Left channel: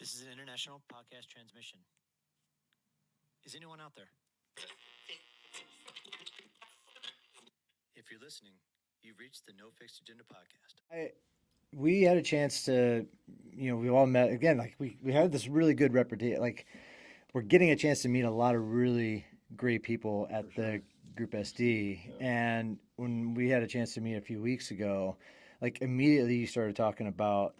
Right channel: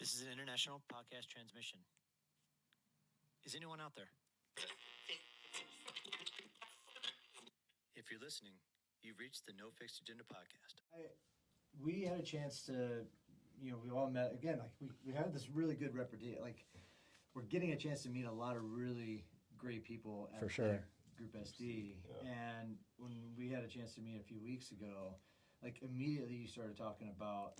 This is an international podcast transmission. Is anyone out there? If you're listening, you've reached the No Fixed Agenda podcast. We had a chance to, we all met again. Like we had this really good reputation. Like we're getting a chance to meet a lot of really great people at the Group SD. Yeah. And when we had a chance to meet a few weeks ago, like immediately you started talking about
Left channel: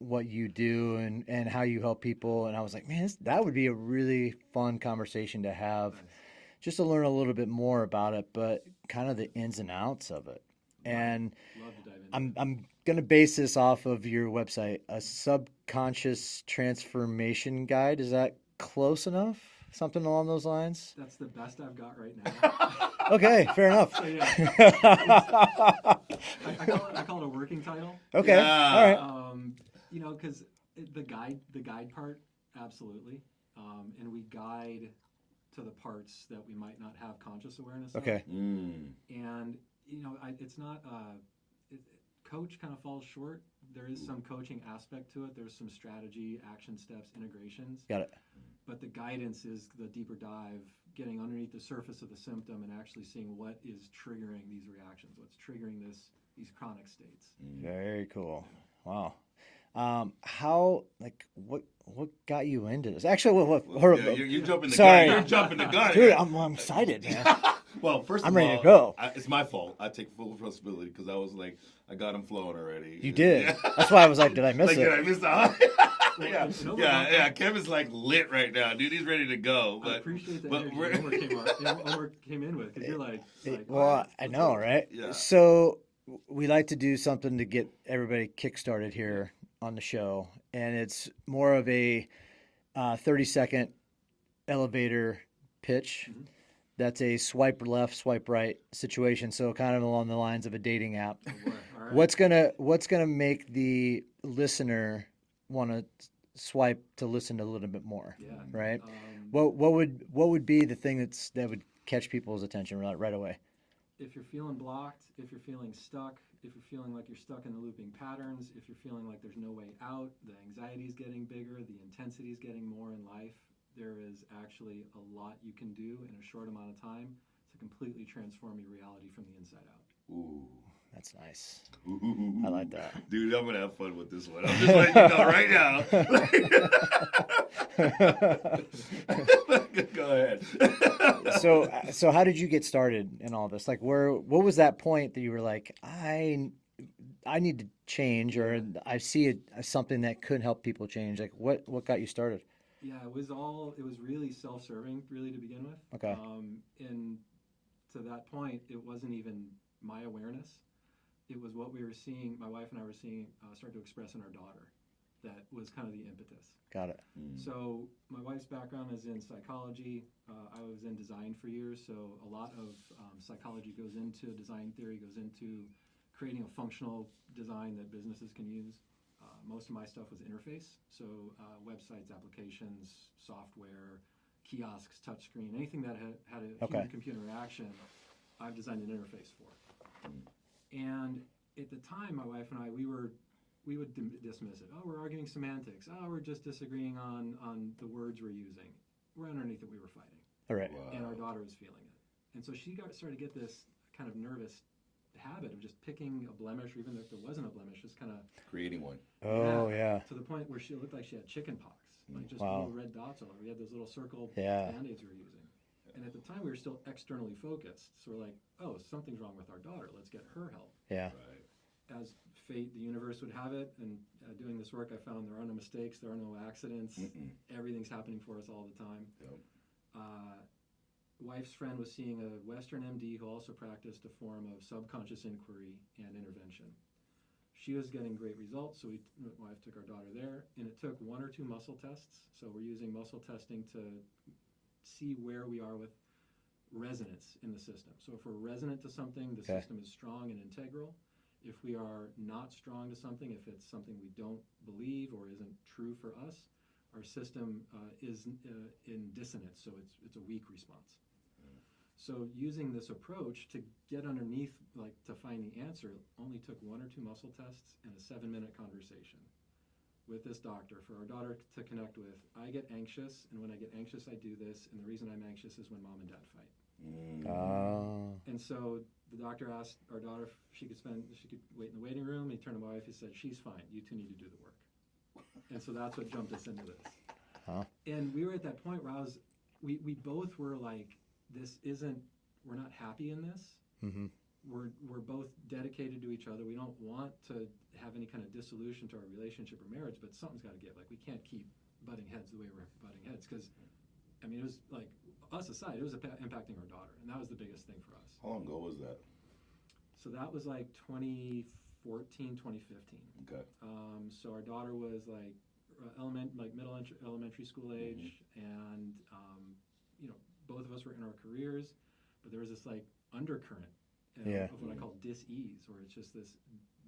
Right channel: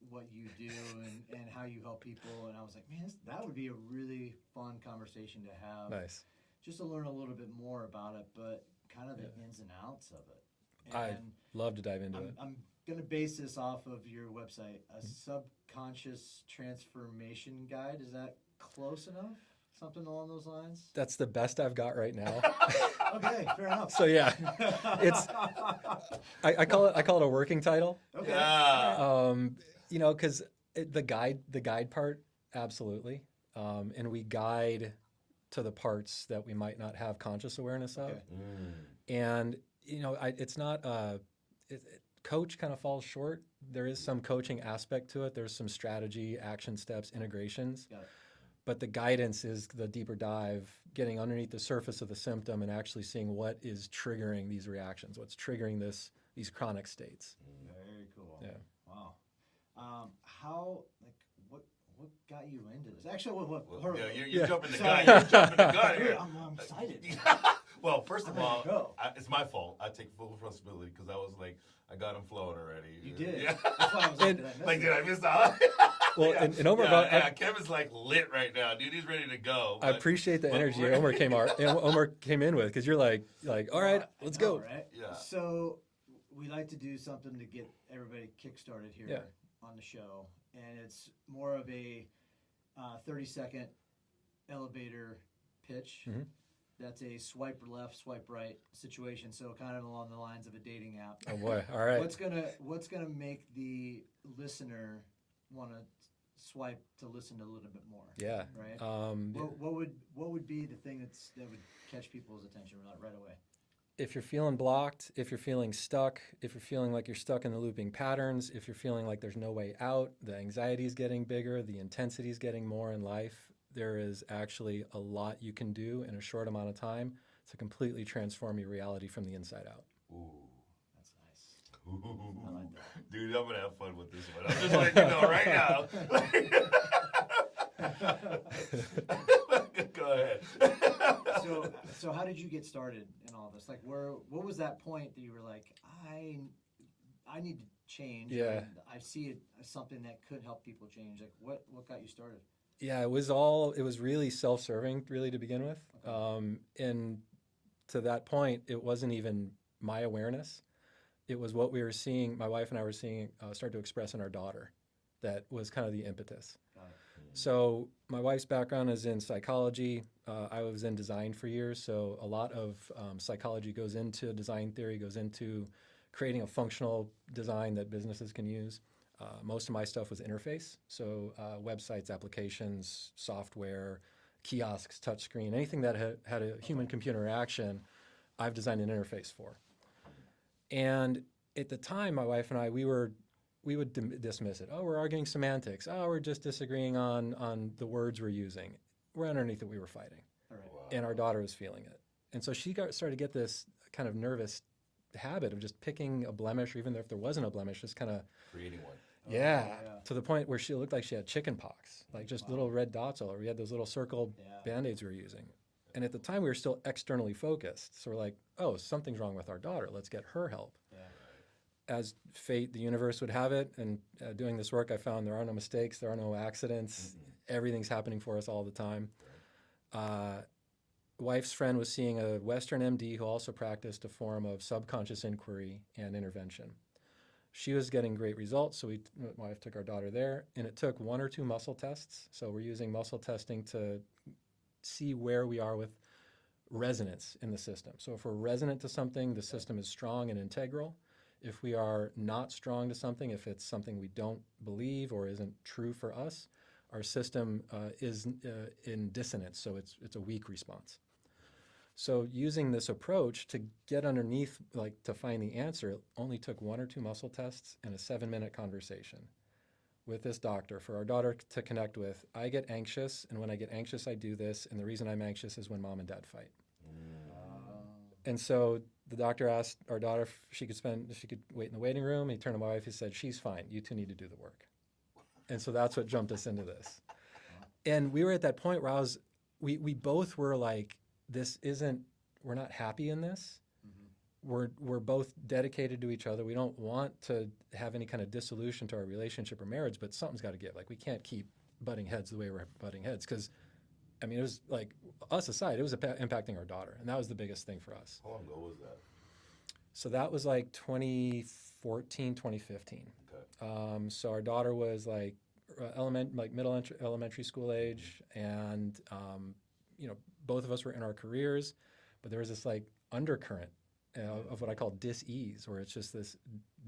what you do and how you help people. And I was like, man, that would be a really fun conversation to have. Nice. Just to learn a little bit more about it, but kind of the ins and outs of it. And I'd love to dive into it. I'm going to base this off of your website, a subconscious transformation guide. Is that close enough? Something along those lines? That's the best I've got right now. Okay, fair enough. So yeah, I call it a working title. Okay, yeah. All right. Because the guide part, absolutely, and we guide to the parts that we might not have conscious awareness of. Okay. And it's not coach kind of falls short. There is some coaching aspect to it. There's some strategy, action steps, integrations. Got it. But the guidance is the deeper dive, getting underneath the surface of the symptom and actually seeing what is triggering these reactions, what's triggering these chronic states. Very cool. Yeah. Wow. What got you into this? Actually, you're jumping the Sorry. gun. You're jumping the gun. Dude, I'm excited, man. Well, first I'm of ready all, to go. It's my fault. I take full responsibility because I was like, I got him flowing already. You did. Yeah. That's why I was like, did I miss it? Did I miss that? Well, yeah. and Omer, Kevin's like lit right now, dude. He's ready to go. I appreciate the energy Omer came in with because you're like, all well, right, I know, right? Yeah. So we like to do something to get everybody kickstarted here on the show, and it's more of a 30-second elevator pitch. Mm-hmm. That's a swipe left, swipe right situation. So kind of along the lines of a dating app. Oh boy! All right. What's gonna make the listener want to swipe to listen to a little bit more? Yeah. Right. What would be the thing that would catch people's attention right away? If you're feeling blocked, if you're feeling stuck, if you're feeling like you're stuck in the looping patterns, if you're feeling like there's no way out, the anxiety is getting bigger, the intensity is getting more in life, there is actually a lot you can do in a short amount of time to completely transform your reality from the inside out. Ooh. That's nice. Ooh. I like that. Dude, I'm going to have fun with this one. I'm just letting you know right now. Go ahead. So how did you get started in all this? Like, what was that point that you were like, I need to change, or I see it as something that could help people change? Like, what got you started? Yeah, it was really self-serving, really, to begin with. Okay. And to that point, it wasn't even my awareness. It was what we were seeing, my wife and I were seeing start to express in our daughter. That was kind of the impetus. Got it. So my wife's background is in psychology. I was in design for years, so a lot of psychology goes into design theory, goes into creating a functional design that businesses can use. Most of my stuff was interface, so websites, applications, software, kiosks, touchscreen, anything that had a human-computer interaction, I've designed an interface for. And at the time, my wife and I, we would dismiss it. Oh, we're arguing semantics. Oh, we're just disagreeing on the words we're using. We're underneath it, we were fighting. All right. Wow. And our daughter was feeling it. And so she started to get this kind of nervous habit of just picking a blemish, or even if there wasn't a blemish, just kind of creating one. Oh, yeah. To the point where she looked like she had chicken pox, like just little red dots all over. We had those little circle Band-Aids we were using. And at the time, we were still externally focused. So we're like, oh, something's wrong with our daughter. Let's get her help. Yeah. Right. As fate, the universe would have it, and doing this work, I found there are no mistakes, there are no accidents. Everything's happening for us all the time. Right. Wife's friend was seeing a Western MD who also practiced a form of subconscious inquiry and intervention. She was getting great results, so my wife took our daughter there, and it took 1 or 2 muscle tests. So we're using muscle testing to see where we are with resonance in the system. So if we're resonant to something, the system is strong and integral. If we are not strong to something, if it's something we don't believe or isn't true for us, our system is in dissonance, so it's a weak response. So using this approach to get underneath, like to find the answer, it only took 1 or 2 muscle tests and a 7-minute conversation with this doctor for our daughter to connect with. I get anxious, and when I get anxious, I do this. And the reason I'm anxious is when mom and dad fight. And so the doctor asked our daughter if she could wait in the waiting room. He turned to my wife. He said, "She's fine. You two need to do the work." And so that's what jumped us into this. And we were at that point where we both were like, we're not happy in this. We're both dedicated to each other. We don't want to have any kind of dissolution to our relationship or marriage, but something's got to give. Like, we can't keep butting heads the way we're butting heads, because, I mean, it was like, us aside, it was impacting our daughter, and that was the biggest thing for us. How long ago was that? So that was like 2014, 2015. Okay. So our daughter was like elementary school age, and both of us were in our careers, but there was this like undercurrent of what I call dis-ease, where it's just this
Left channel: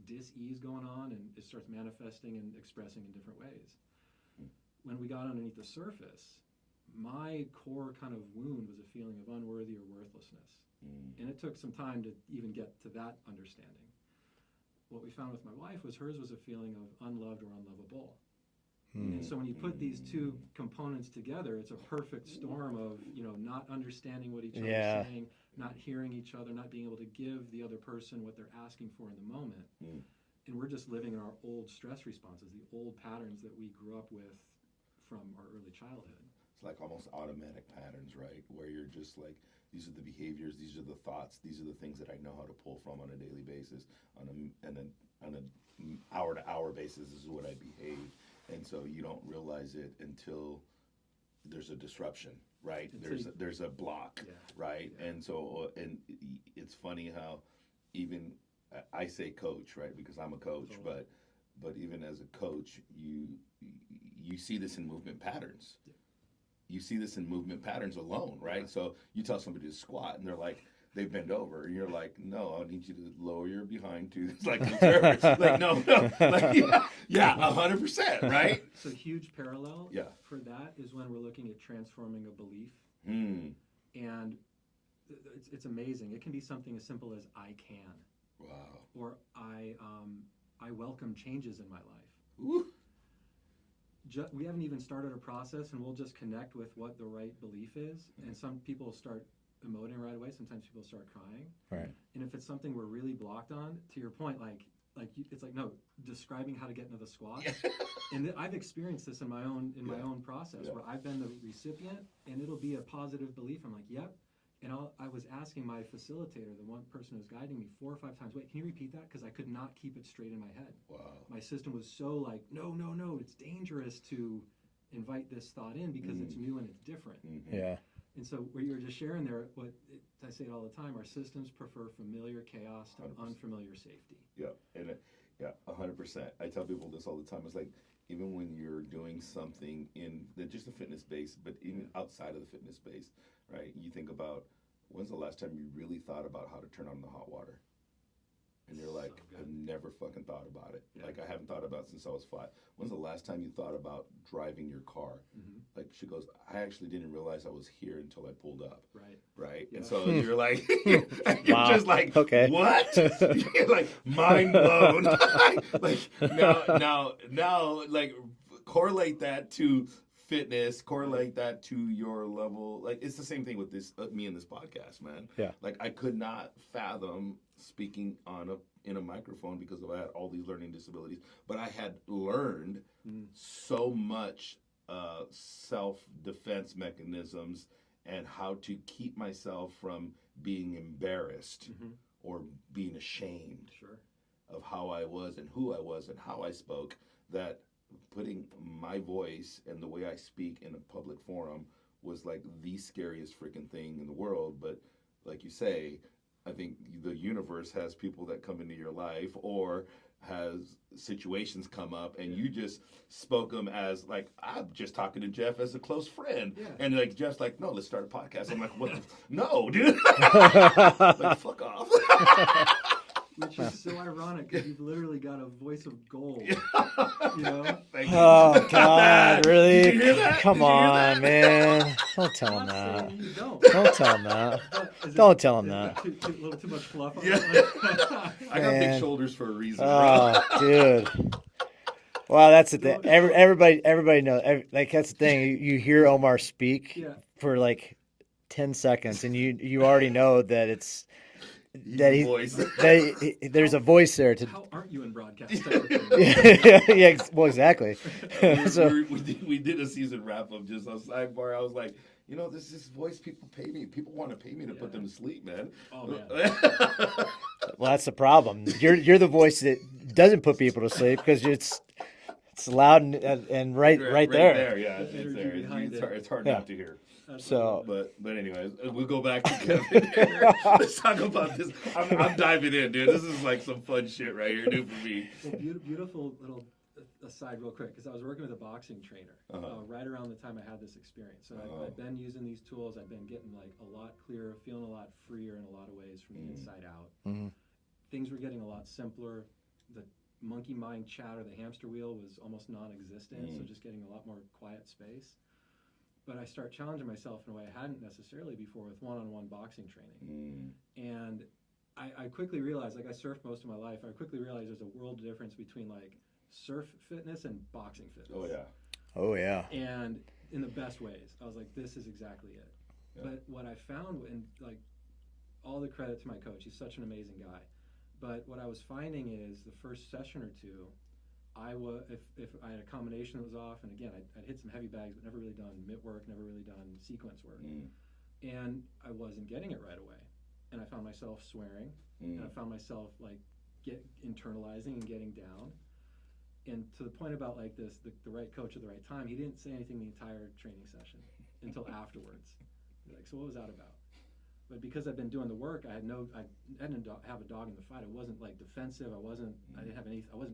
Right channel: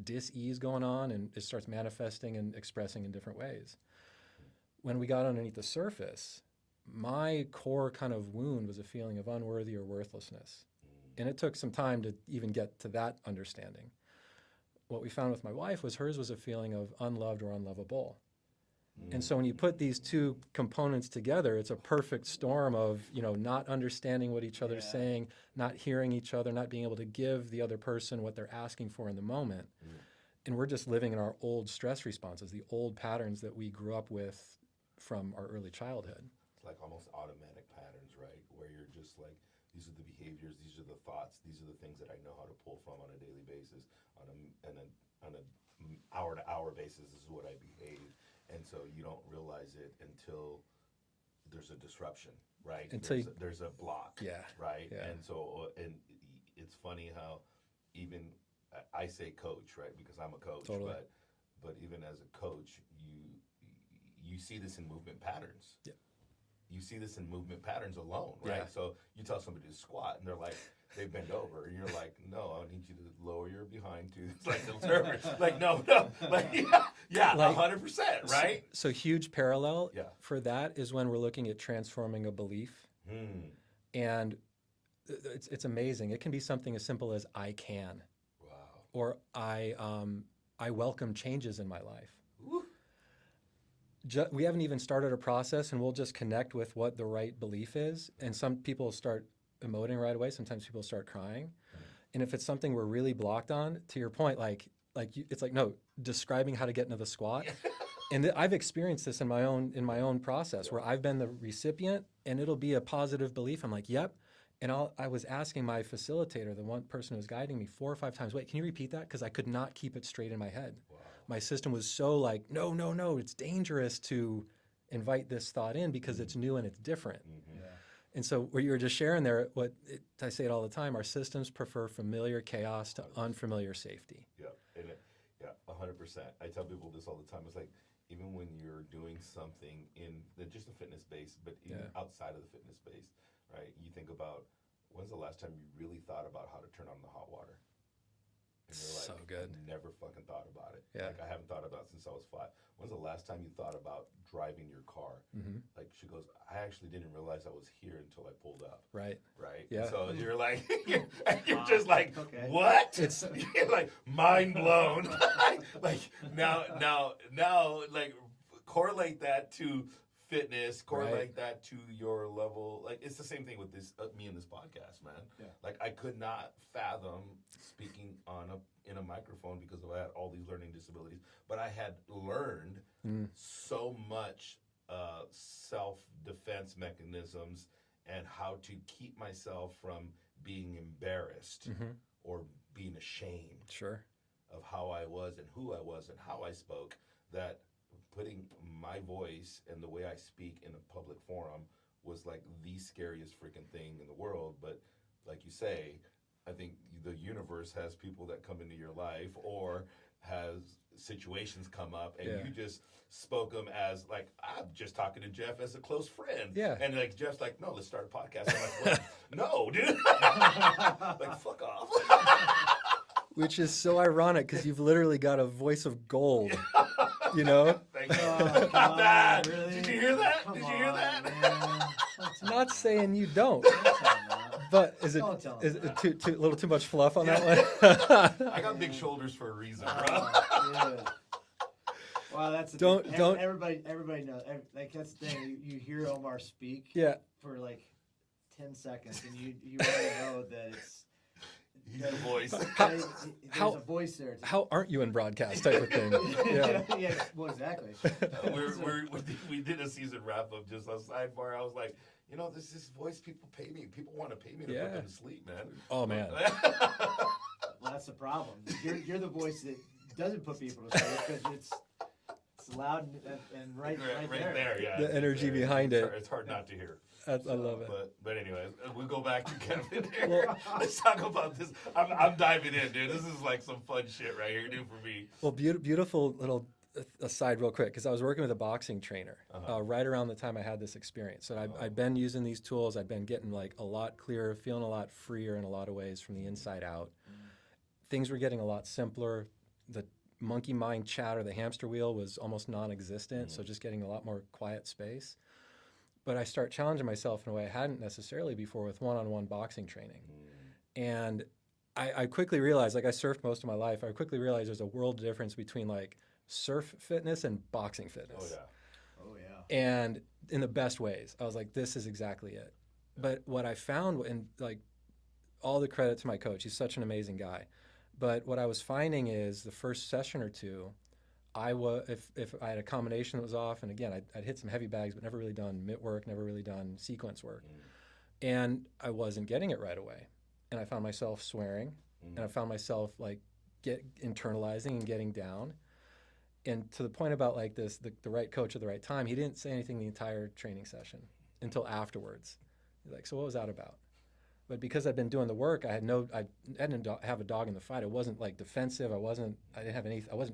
dis-ease going on, and it starts manifesting and expressing in different ways. When we got underneath the surface, my core kind of wound was a feeling of unworthy or worthlessness. And it took some time to even get to that understanding. What we found with my wife was hers was a feeling of unloved or unlovable. And so when you put these two components together, it's a perfect storm of, not understanding what each other's saying, not hearing each other, not being able to give the other person what they're asking for in the moment. And we're just living in our old stress responses, the old patterns that we grew up with from our early childhood. It's like almost automatic patterns, right? Where you're just like, these are the behaviors, these are the thoughts, these are the things that I know how to pull from on a daily basis, and then on an hour-to-hour basis, this is what I behave. And so you don't realize it until there's a disruption, right? There's a block, right? Yeah. And so, and it's funny how even I say coach, right? Because I'm a coach, totally. but even as a coach, you see this in movement patterns. Yeah. You see this in movement patterns alone, right? Yeah. So you tell somebody to squat, and they're like, they bend over, and you're like, no, I need you to lower your behind to, it's like, like, no, like, yeah, 100%, right? So huge parallel for that is when we're looking at transforming a belief. And it's amazing. It can be something as simple as I can. Wow. Or I welcome changes in my life. Ooh. We haven't even started a process, and we'll just connect with what the right belief is. And some people start emoting right away. Sometimes people start crying. Right. And if it's something we're really blocked on, to your point, it's like, no, describing how to get into the squat. And I've experienced this in my own process where I've been the recipient, and it'll be a positive belief. I'm like, yep. And I was asking my facilitator, the one person who was guiding me, 4 or 5 times, wait, can you repeat that? Because I could not keep it straight in my head. Wow. My system was so like, no, it's dangerous to invite this thought in because it's new and it's different. Yeah. And so what you were just sharing there, I say it all the time, our systems prefer familiar chaos to unfamiliar safety. Yeah, and 100%. I tell people this all the time. It's like, even when you're doing something in just the fitness space, but even outside of the fitness space, right? You think about, when's the last time you really thought about how to turn on the hot water? And you're like, so good. I never fucking thought about it. Yeah. Like, I haven't thought about it since I was 5. When's the last time you thought about driving your car? Like, she goes, I actually didn't realize I was here until I pulled up. Right. Yeah. And so you're like, you're Wow. just like, okay. What? You're like, mind blown. Like, now, like, correlate that to fitness, correlate that to your level. Like, it's the same thing with this, me and this podcast, man. Yeah. Like, I could not fathom speaking in a microphone because I had all these learning disabilities, but I had learned so much self-defense mechanisms and how to keep myself from being embarrassed or being ashamed of how I was and who I was and how I spoke, that putting my voice and the way I speak in a public forum was like the scariest freaking thing in the world. But like you say, I think the universe has people that come into your life or has situations come up, and you just spoke them as like, I'm just talking to Jeff as a close friend. Yeah. And like, Jeff's like, no, let's start a podcast. I'm like, what? No, dude. Like, fuck off. Which is so ironic because you've literally got a voice of gold, you know? Oh, God, really? Did you hear that? Come on, man. Don't tell him Not that. saying you don't. Don't tell him that. But Don't tell him is that. it a little too much fluff on that one? I got big Man. shoulders for a reason. Oh, dude. Well, that's the thing. Don't- Everybody knows. Like that's the thing. You hear Omar speak Yeah. for like 10 seconds, and you already know that it's He's that the he, voice. there's a voice there to. How aren't you in broadcast type of thing? Yeah, well, exactly. So, We did a season wrap up just on sidebar. I was like, you know, this is voice people pay me. People want to pay me to put them to sleep, man. Oh man. well, that's the problem. You're the voice that doesn't put people to sleep because it's loud and right there. Yeah, The it's energy there. behind it. It's hard Yeah. not to hear. So- But anyways, we'll go back to Kevin here. Let's talk about this. I'm diving in, dude. This is like some fun shit right here, dude, for me. Well, beautiful little aside real quick, because I was working with a boxing trainer right around the time I had this experience. So I've been using these tools. I've been getting like a lot clearer, feeling a lot freer in a lot of ways from the inside out. Things were getting a lot simpler. The monkey mind chatter, the hamster wheel was almost non-existent. So just getting a lot more quiet space. But I start challenging myself in a way I hadn't necessarily before with one-on-one boxing training. And I quickly realized, like I surfed most of my life, I quickly realized there's a world difference between like surf fitness and boxing fitness. Oh, yeah. Oh yeah. And in the best ways. I was like, this is exactly it. Yeah. But what I found, and like all the credit to my coach, he's such an amazing guy. But what I was finding is the first session or two, if I had a combination that was off, and again, I'd hit some heavy bags, but never really done mitt work, never really done sequence work. And I wasn't getting it right away. And I found myself swearing, and I found myself like internalizing and getting down. And to the point about like this, the right coach at the right time, he didn't say anything the entire training session until afterwards. He's like, so what was that about? But because I'd been doing the work, I didn't have a dog in the fight. It wasn't like defensive. I wasn't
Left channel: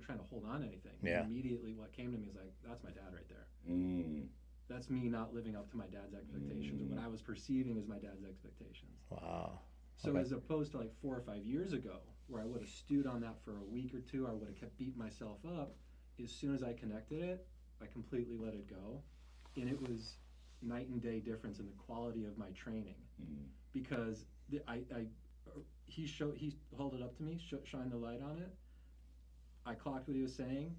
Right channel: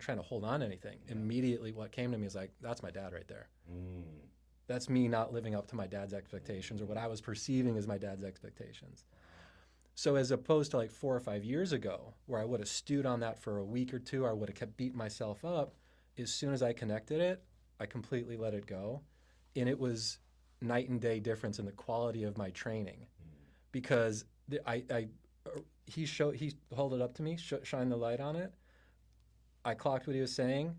trying to hold on to anything. Yeah. Immediately what came to me is like, that's my dad right there. That's me not living up to my dad's expectations or what I was perceiving as my dad's expectations. Wow. So as opposed to like 4 or 5 years ago, where I would have stewed on that for a week or two, or I would have kept beating myself up, as soon as I connected it, I completely let it go. And it was night and day difference in the quality of my training. Because he held it up to me, shined the light on it. I clocked what he was saying,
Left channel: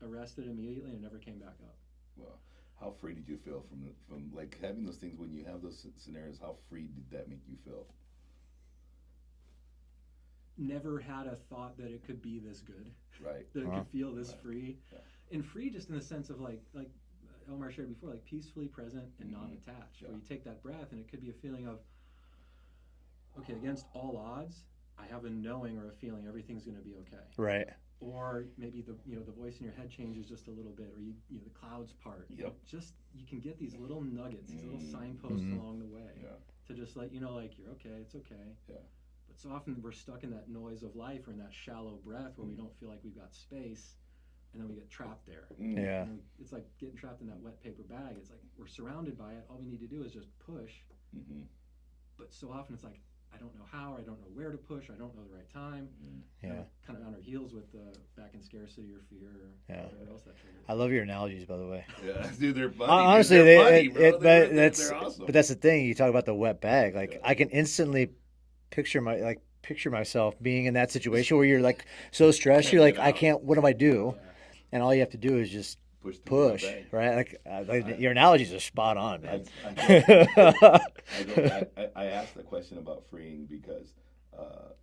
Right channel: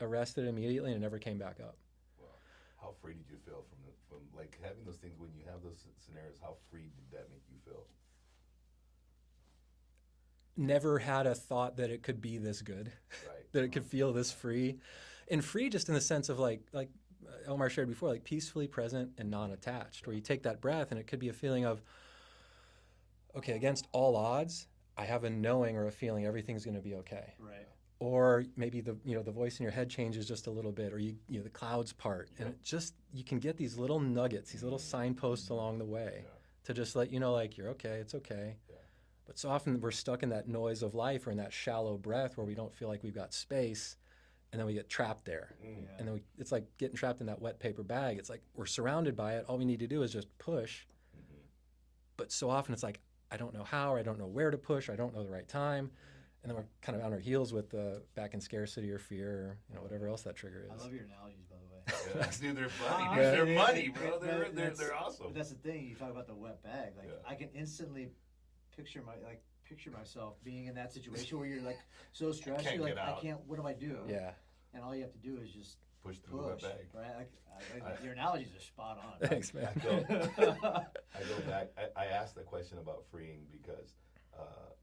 arrested immediately, and it never came back up. Well, how free did you feel from like having those things when you have those scenarios? How free did that make you feel? Never had a thought that it could be this good, Right? that it could feel this free, and free just in the sense of like Omar shared before, like peacefully present and non-attached, where you take that breath and it could be a feeling of, okay, against all odds, I have a knowing or a feeling everything's going to be okay. Right. Or maybe the voice in your head changes just a little bit, or the clouds part. Yep. And you can get these little nuggets, these little signposts along the way to just let you know, like, you're okay, it's okay. Yeah. But so often we're stuck in that noise of life or in that shallow breath where we don't feel like we've got space, and then we get trapped there. Yeah. And then it's like getting trapped in that wet paper bag. It's like we're surrounded by it. All we need to do is just push. But so often it's like, I don't know how, or I don't know where to push, or I don't know the right time. And then we're kind of on our heels with back in scarcity or fear or whatever else that trigger is. I love your analogies, by the way. Yeah, dude, they're funny. Honestly, they're funny, bro. that's they're awesome. but that's the thing. You talk about the wet bag. Like I can instantly picture myself being in that situation where you're like so stressed. You're like, I can't. What do I do? Yeah. And all you have to do is just push, right? Like your analogies are spot on. Thanks, man. I asked that question about freeing because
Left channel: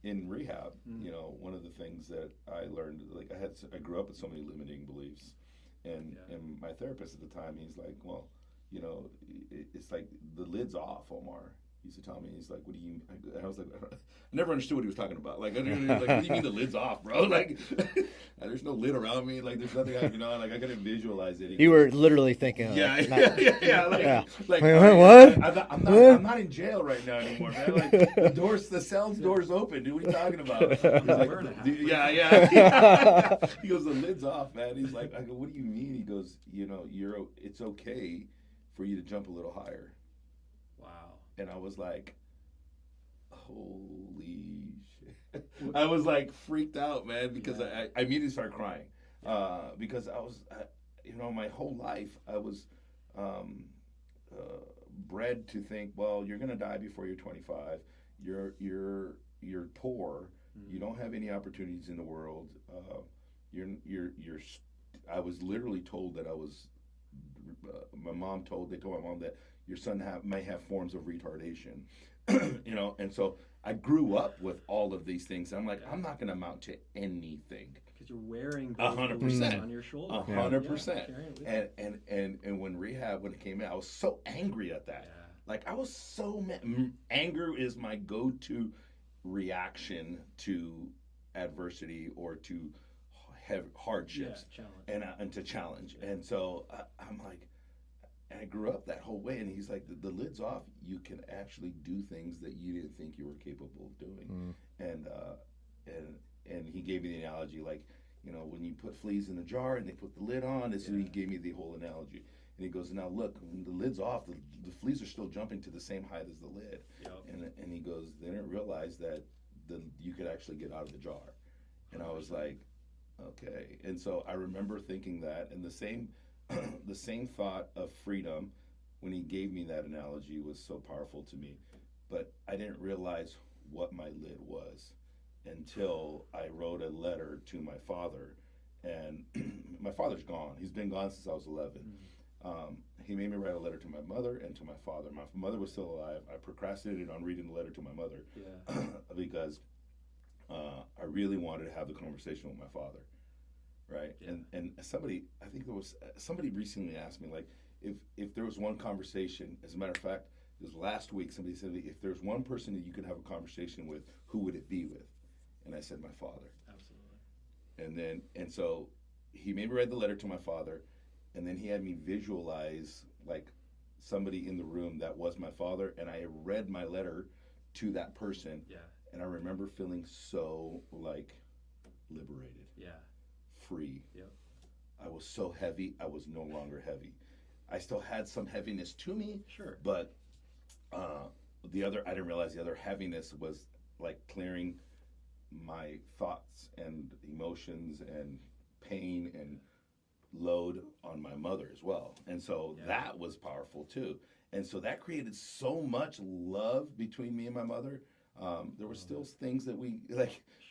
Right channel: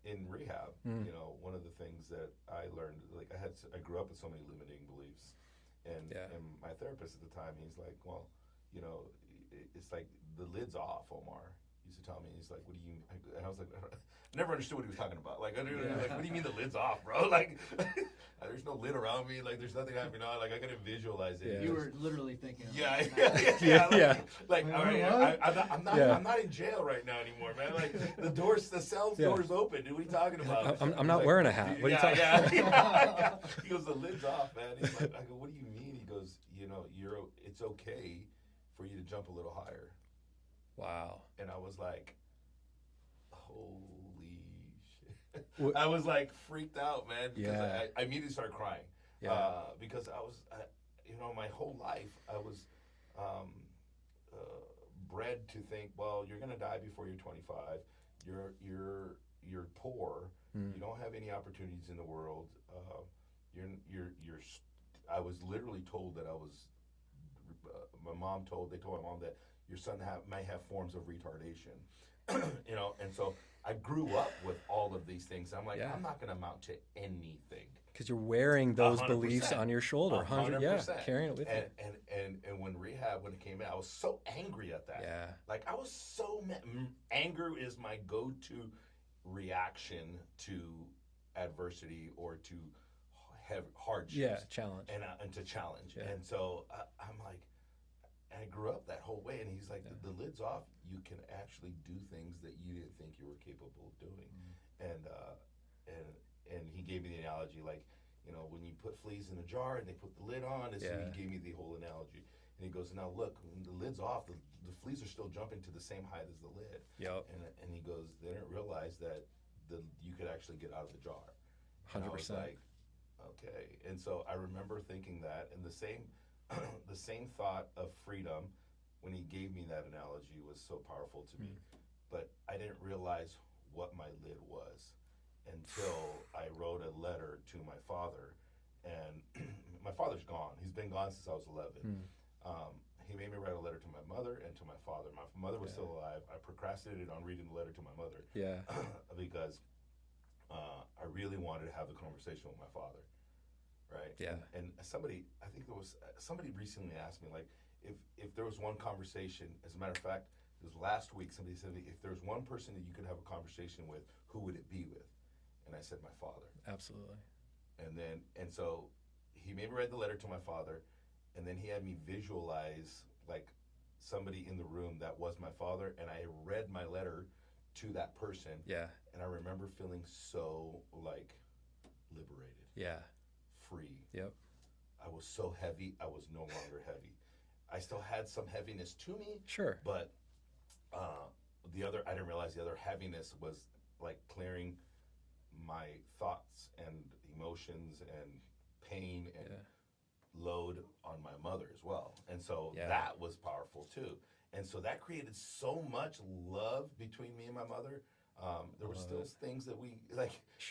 in rehab, you know, one of the things that I learned, like I grew up with so many limiting beliefs, and my therapist at the time, he's like, well, you know, it's like the lid's off, Omar. He used to tell me, he's like, what do you, and I was like, I never understood what he was talking about. Like, what do you mean the lid's off, bro? Like, there's no lid around me. Like, there's nothing I, like, I couldn't visualize it. You were literally thinking, Like, what? I'm not in jail right now anymore, man. Like, the cell's door's open, dude. What are you talking about? I'm not wearing a hat. Yeah. He goes, the lid's off, man. He's like, I go, what do you mean? He goes, you know, it's okay for you to jump a little higher. Wow. And I was like, holy shit. I was like freaked out, man, because I immediately started crying. Because I was, you know, my whole life I was bred to think, well, you're going to die before you're 25. You're poor. You don't have any opportunities in the world. You're I was literally told that I was. They told my mom that your son may have forms of retardation, and so I grew up with all of these things. I'm like, Yeah. I'm not going to amount to anything. Because you're wearing those 100%. beliefs on your shoulder. 100%. Yeah, carrying it with you. And when it came in, I was so angry at that. Yeah. Like I was so mad. Anger is my go-to reaction to adversity or to hardships. Yeah, challenge. And to challenge. Yeah. And so I'm like, and I grew up that whole way. And he's like, the lid's off. You can actually do things that you didn't think you were capable of doing. And he gave me the analogy, like, when you put fleas in a jar and they put the lid on, so he gave me the whole analogy. And he goes, now look, when the lid's off, the fleas are still jumping to the same height as the lid. Yep. And he goes, they didn't realize that you could actually get out of the jar. And 100%. I was like, okay. And so I remember thinking that, and the same thought of freedom when he gave me that analogy was so powerful to me. But I didn't realize what my lid was until I wrote a letter to my father. And my father's gone. He's been gone since I was 11. He made me write a letter to my mother and to my father. My mother was still alive. I procrastinated on reading the letter to my mother. Yeah. Because I really wanted to have the conversation with my father. Right. Yeah. And somebody, I think there was somebody recently asked me, like, if there was one conversation. As a matter of fact, it was last week. Somebody said, if there's one person that you could have a conversation with, who would it be with? And I said, my father. Absolutely. And so he made me read the letter to my father, and then he had me visualize like somebody in the room that was my father, and I read my letter to that person. Yeah. And I remember feeling so like liberated. Yeah. Free. Yep. I was so heavy, I was no longer heavy. I still had some heaviness to me. Sure. But I didn't realize the other heaviness was like clearing my thoughts and emotions and pain and load on my mother as well. And so that was powerful too. And so that created so much love between me and my mother. There were still things that we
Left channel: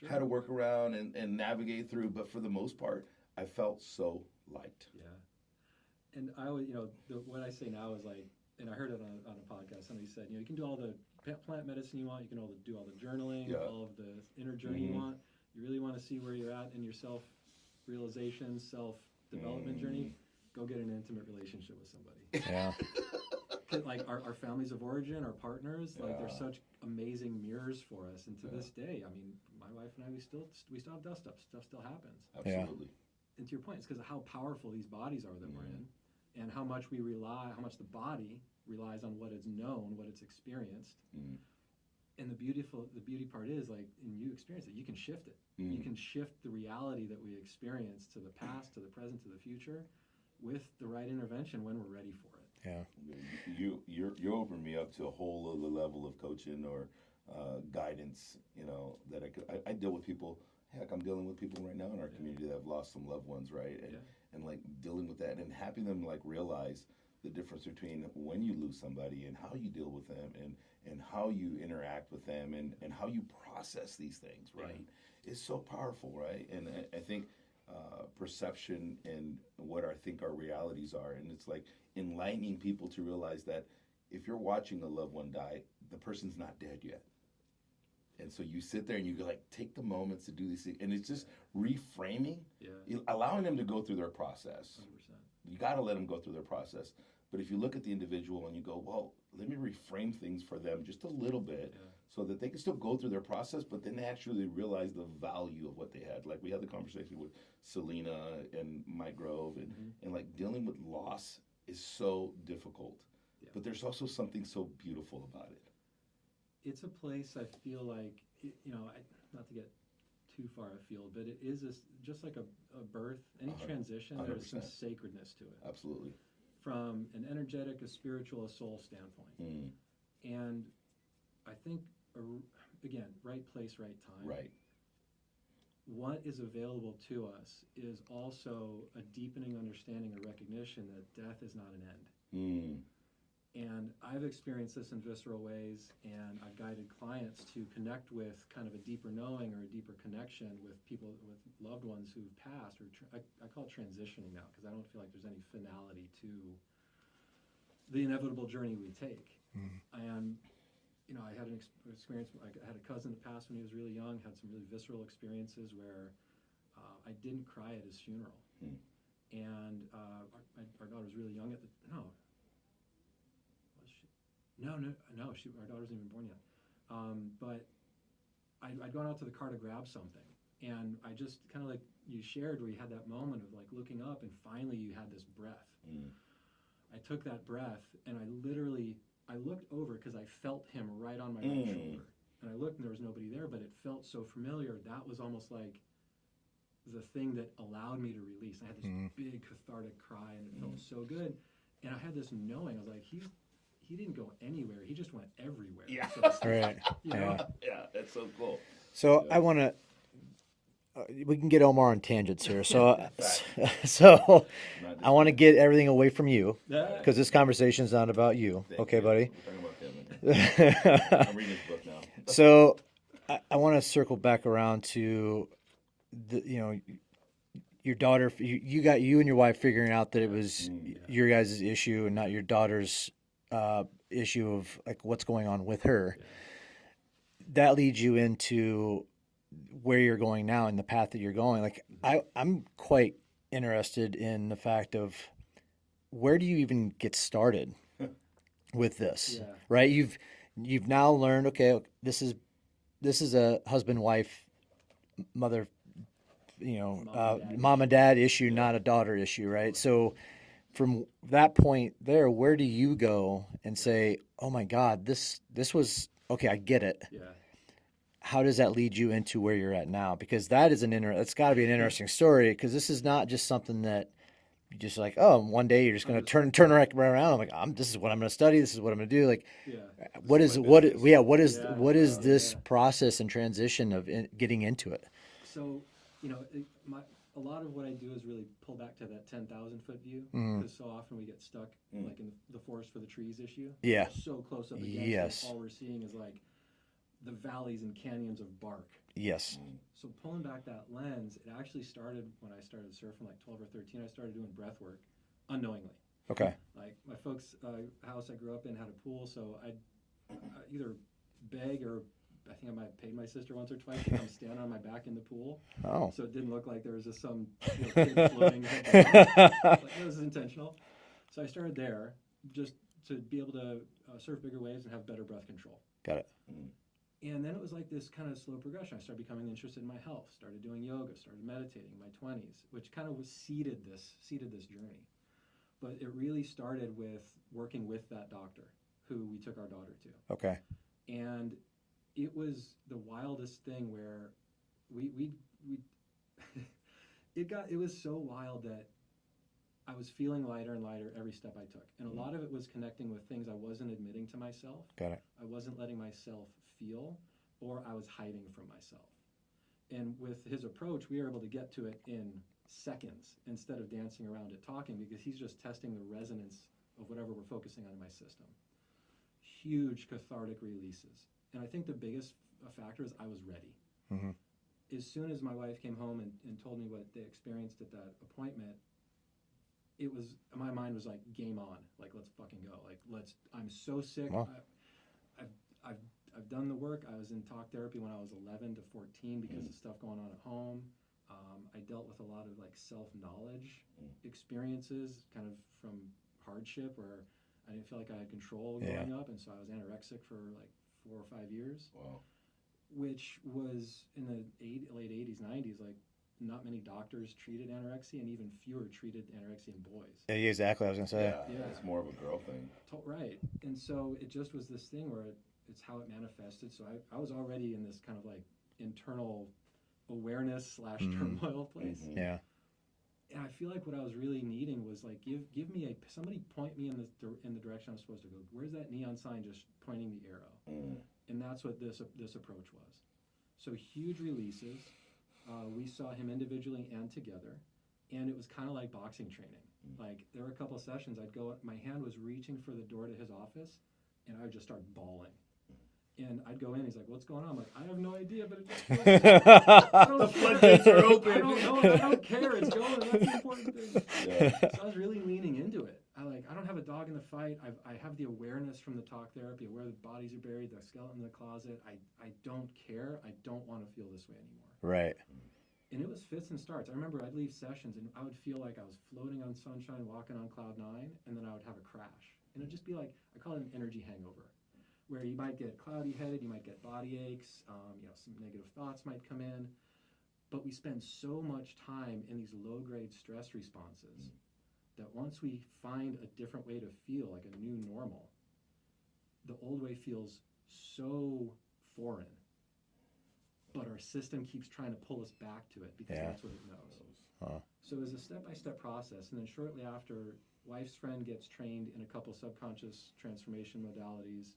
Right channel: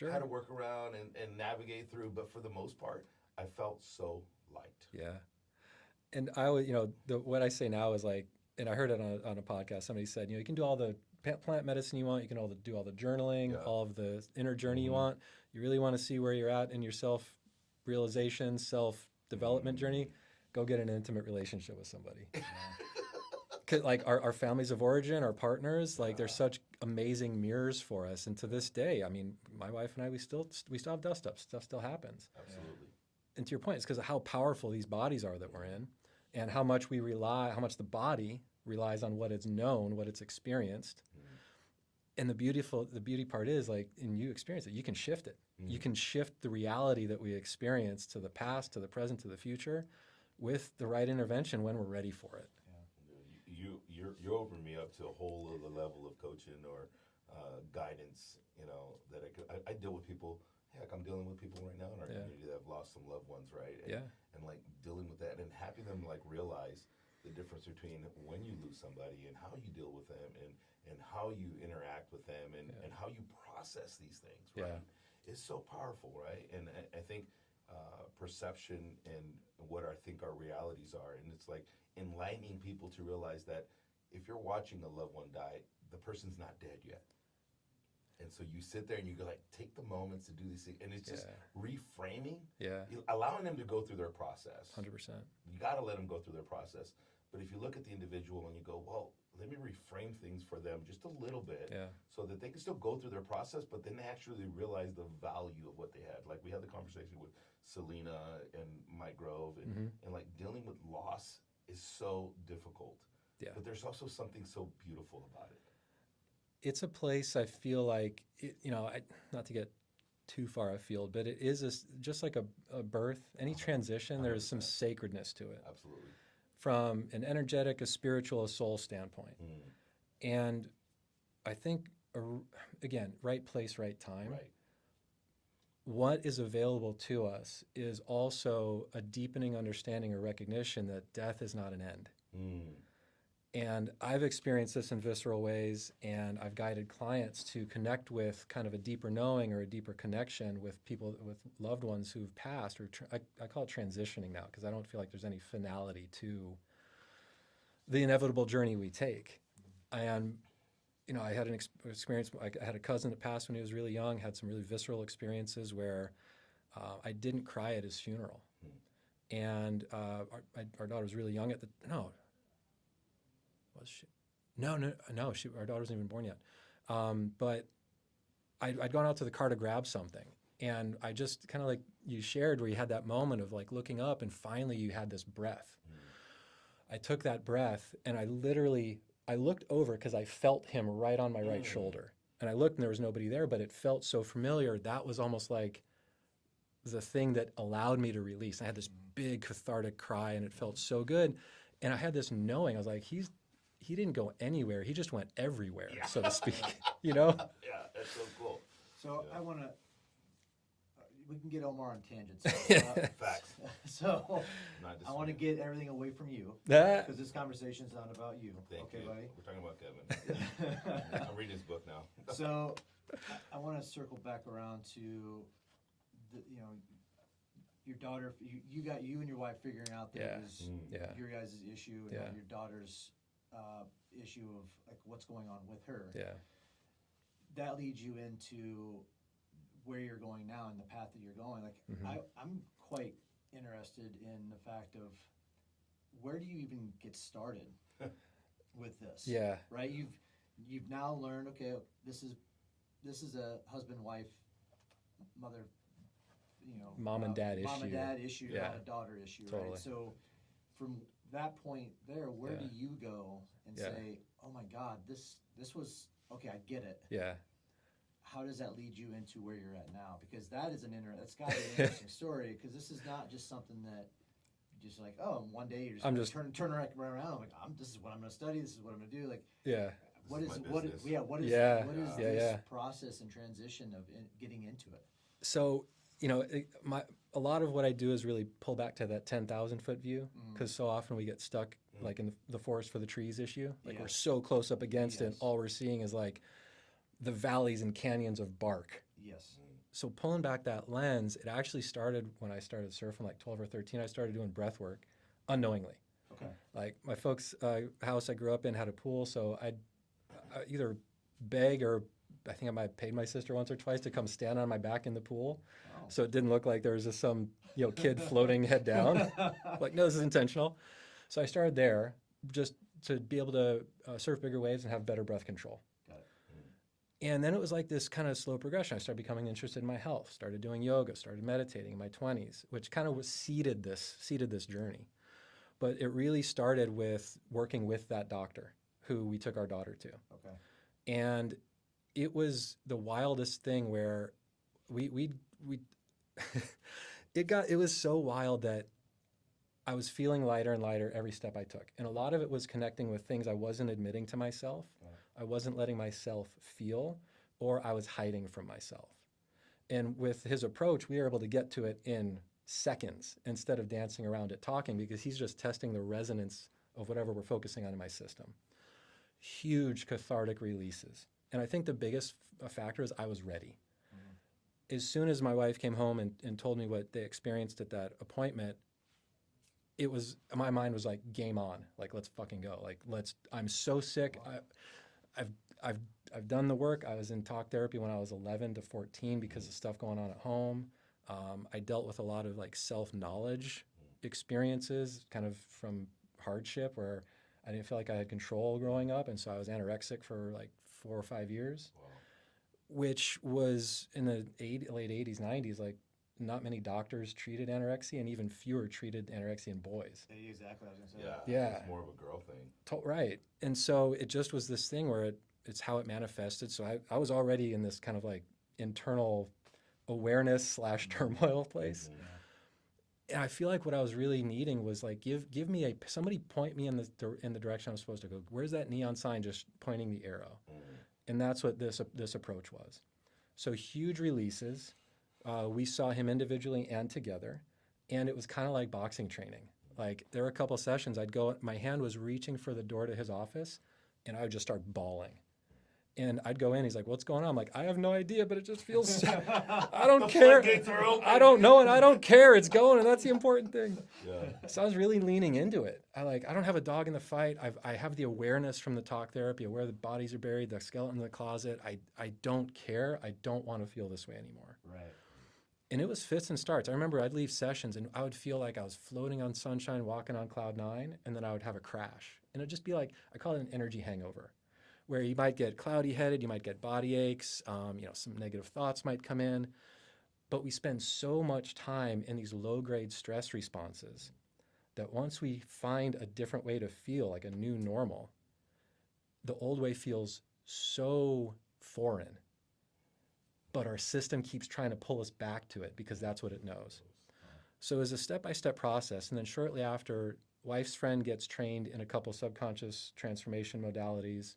had to work around and navigate through, but for the most part, I felt so light. Yeah. And I always, what I say now is like, and I heard it on a podcast, somebody said, you can do all the plant medicine you want, you can do all the journaling, all of the inner journey you want. You really want to see where you're at in your self-realization, self-development journey, go get an intimate relationship with somebody. Yeah. Like our families of origin, our partners, like they're such amazing mirrors for us. And to this day, I mean, my wife and I, we still have dust ups. Stuff still happens. Absolutely. And to your point, it's because of how powerful these bodies are that we're in, and how much the body relies on what is known, what it's experienced. And the beauty part is, like, and you experience it, you can shift it. You can shift the reality that we experience to the past, to the present, to the future, with the right intervention when we're ready for it. Yeah. You opened me up to a whole other level of coaching or guidance. That I deal with people. Heck, I'm dealing with people right now in our community that have lost some loved ones, right? And like dealing with that and having them like realize the difference between when you lose somebody and how you deal with them and how you interact with them and how you process these things, right? It's so powerful, right? And I think perception and what I think our realities are, and it's like enlightening people to realize that if you're watching a loved one die, the person's not dead yet. And so you sit there and you like take the moments to do these things, and it's just reframing, allowing them to go through their process. 100%. You got to let them go through their process. But if you look at the individual and you go, well, let me reframe things for them just a little bit, so that they can still go through their process, but then they actually realize the value of what they had. Like we had the conversation with Selena and Mike Grove, and like dealing with loss is so difficult. But there's also something so beautiful about it. It's a place I feel like, not to get too far afield, but it is just like a birth, any transition, 100%. There is some sacredness to it. Absolutely. From an energetic, a spiritual, a soul standpoint. And I think, again, right place, right time. Right. What is available to us is also a deepening understanding or recognition that death is not an end. And I've experienced this in visceral ways, and I've guided clients to connect with kind of a deeper knowing or a deeper connection with people, with loved ones who've passed, or I call it transitioning now, because I don't feel like there's any finality to the inevitable journey we take. And, you know, I had an experience, I had a cousin that passed when he was really young, had some really visceral experiences where I didn't cry at his funeral. And our daughter was really young at the, no, was she? No, our daughter wasn't even born yet. But I'd gone out to the car to grab something. And I just kind of like you shared where you had that moment of like looking up and finally you had this breath. I took that breath and I looked over because I felt him right on my right shoulder. And I looked and there was nobody there, but it felt so familiar. That was almost like the thing that allowed me to release. I had this big cathartic cry and it felt so good. And I had this knowing, I was like, he didn't go anywhere. He just went everywhere, so to speak. Right. You know? Yeah, that's so cool. So I want to. We can get Omar on tangents here. So, so I want to get everything away from you because this conversation is not about you. Okay, buddy. We're talking about Kevin. I'm reading his book now. So I want to circle back around to your daughter. You and your wife figuring out that it was your guys' issue and not your daughter's issue of like what's going on with her. Yeah. That leads you into where you're going now and the path that you're going. Like I'm quite interested in the fact of where do you even get started with this? Yeah. Right. You've now learned, okay, this is a husband, wife, mother, mom and dad issue, not a daughter issue. Right. Totally. So from that point there, where do you go and say, oh my God, this was, okay, I get it. Yeah. How does that lead you into where you're at now? Because that is it's got to be an interesting story. Because this is not just something that you just like. Oh, one day you're just going to turn right around. I'm like, this is what I'm going to study. This is what I'm going to do. Like, what is this process and transition of getting into it? So a lot of what I do is really pull back to that 10,000 foot view because so often we get stuck like in the forest for the trees issue. Yeah, we're so close up against it. All we're seeing is like the valleys and canyons of bark. Yes. So pulling back that lens, it actually started when I started surfing, like 12 or 13. I started doing breath work unknowingly. Okay. Like my folks' house I grew up in had a pool, so I'd either beg or I think I might have paid my sister once or twice to come stand on my back in the pool. Oh. So it didn't look like there was just some kid floating head down. Like, no, this is intentional. So I started there just to be able to surf bigger waves and have better breath control. Got it. And then it was like this kind of slow progression. I started becoming interested in my health, started doing yoga, started meditating in my 20s, which kind of seeded this journey. But it really started with working with that doctor who we took our daughter to. Okay. And it was the wildest thing where we it was so wild that I was feeling lighter and lighter every step I took. And a lot of it was connecting with things I wasn't admitting to myself. Got it. I wasn't letting myself feel, or I was hiding from myself. And with his approach, we were able to get to it in seconds instead of dancing around it talking, because he's just testing the resonance of whatever we're focusing on in my system. Huge cathartic releases. And I think the biggest factor is I was ready. Mm-hmm. As soon as my wife came home and told me what they experienced at that appointment, my mind was like, game on, like, let's fucking go. Like, I'm so sick. Wow. I've done the work. I was in talk therapy when I was 11 to 14 because of stuff going on at home. I dealt with a lot of like self-knowledge experiences, kind of from hardship where I didn't feel like I had control growing up. And so I was anorexic for like 4 or 5 years, which was in the late 80s, 90s, like, not many doctors treated anorexia, and even fewer treated anorexia in boys. Yeah, exactly. I was gonna say. Yeah. It's more of a girl thing. Right. And so it just was this thing where it's how it manifested. So I was already in this kind of like internal awareness / turmoil place. Mm-hmm. Yeah. And I feel like what I was really needing was like, give me somebody point me in the direction I'm supposed to go. Where's that neon sign just pointing the arrow? And that's what this approach was. So huge releases. We saw him individually and together, and it was kind of like boxing training. Like there were a couple sessions I'd go, my hand was reaching for the door to his office and I would just start bawling. And I'd go in, he's like, what's going on? I'm like, I have no idea, but it just feels so, I don't care. I don't know and I don't care. It's going, and that's the important thing. Yeah. So I was really leaning into it. I don't have a dog in the fight. I have the awareness from the talk therapy of where the bodies are buried, the skeleton in the closet. I don't care. I don't want to feel this way anymore. Right. And it was fits and starts. I remember I'd leave sessions and I would feel like I was floating on sunshine, walking on cloud nine, and then I would have a crash. And it'd just be like, I call it an energy hangover, where you might get cloudy headed, you might get body aches, some negative thoughts might come in. But we spend so much time in these low grade stress responses that once we find a different way to feel, like a new normal, the old way feels so foreign. But our system keeps trying to pull us back to it because that's what it knows. So it was a step-by-step process. And then shortly after, wife's friend gets trained in a couple subconscious transformation modalities.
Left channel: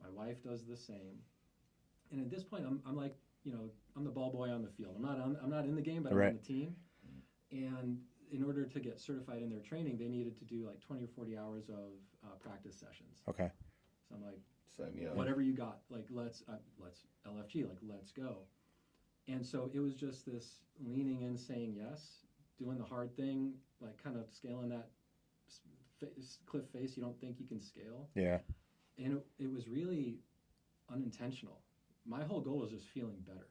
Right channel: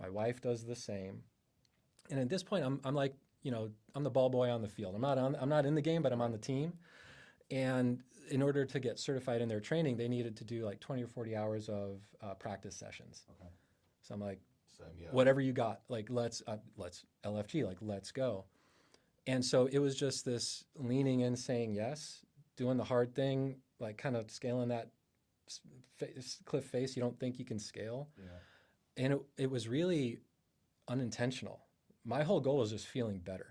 My wife does the same. And at this point, I'm like, I'm the ball boy on the field. I'm not in the game, but I'm on the team. And in order to get certified in their training, they needed to do like 20 or 40 hours of practice sessions. Okay. So I'm like, Yeah. whatever you got, like let's LFG, like let's go. And so it was just this leaning in, saying yes, doing the hard thing, like kind of scaling that cliff face you don't think you can scale. Yeah. And it was really unintentional. My whole goal was just feeling better.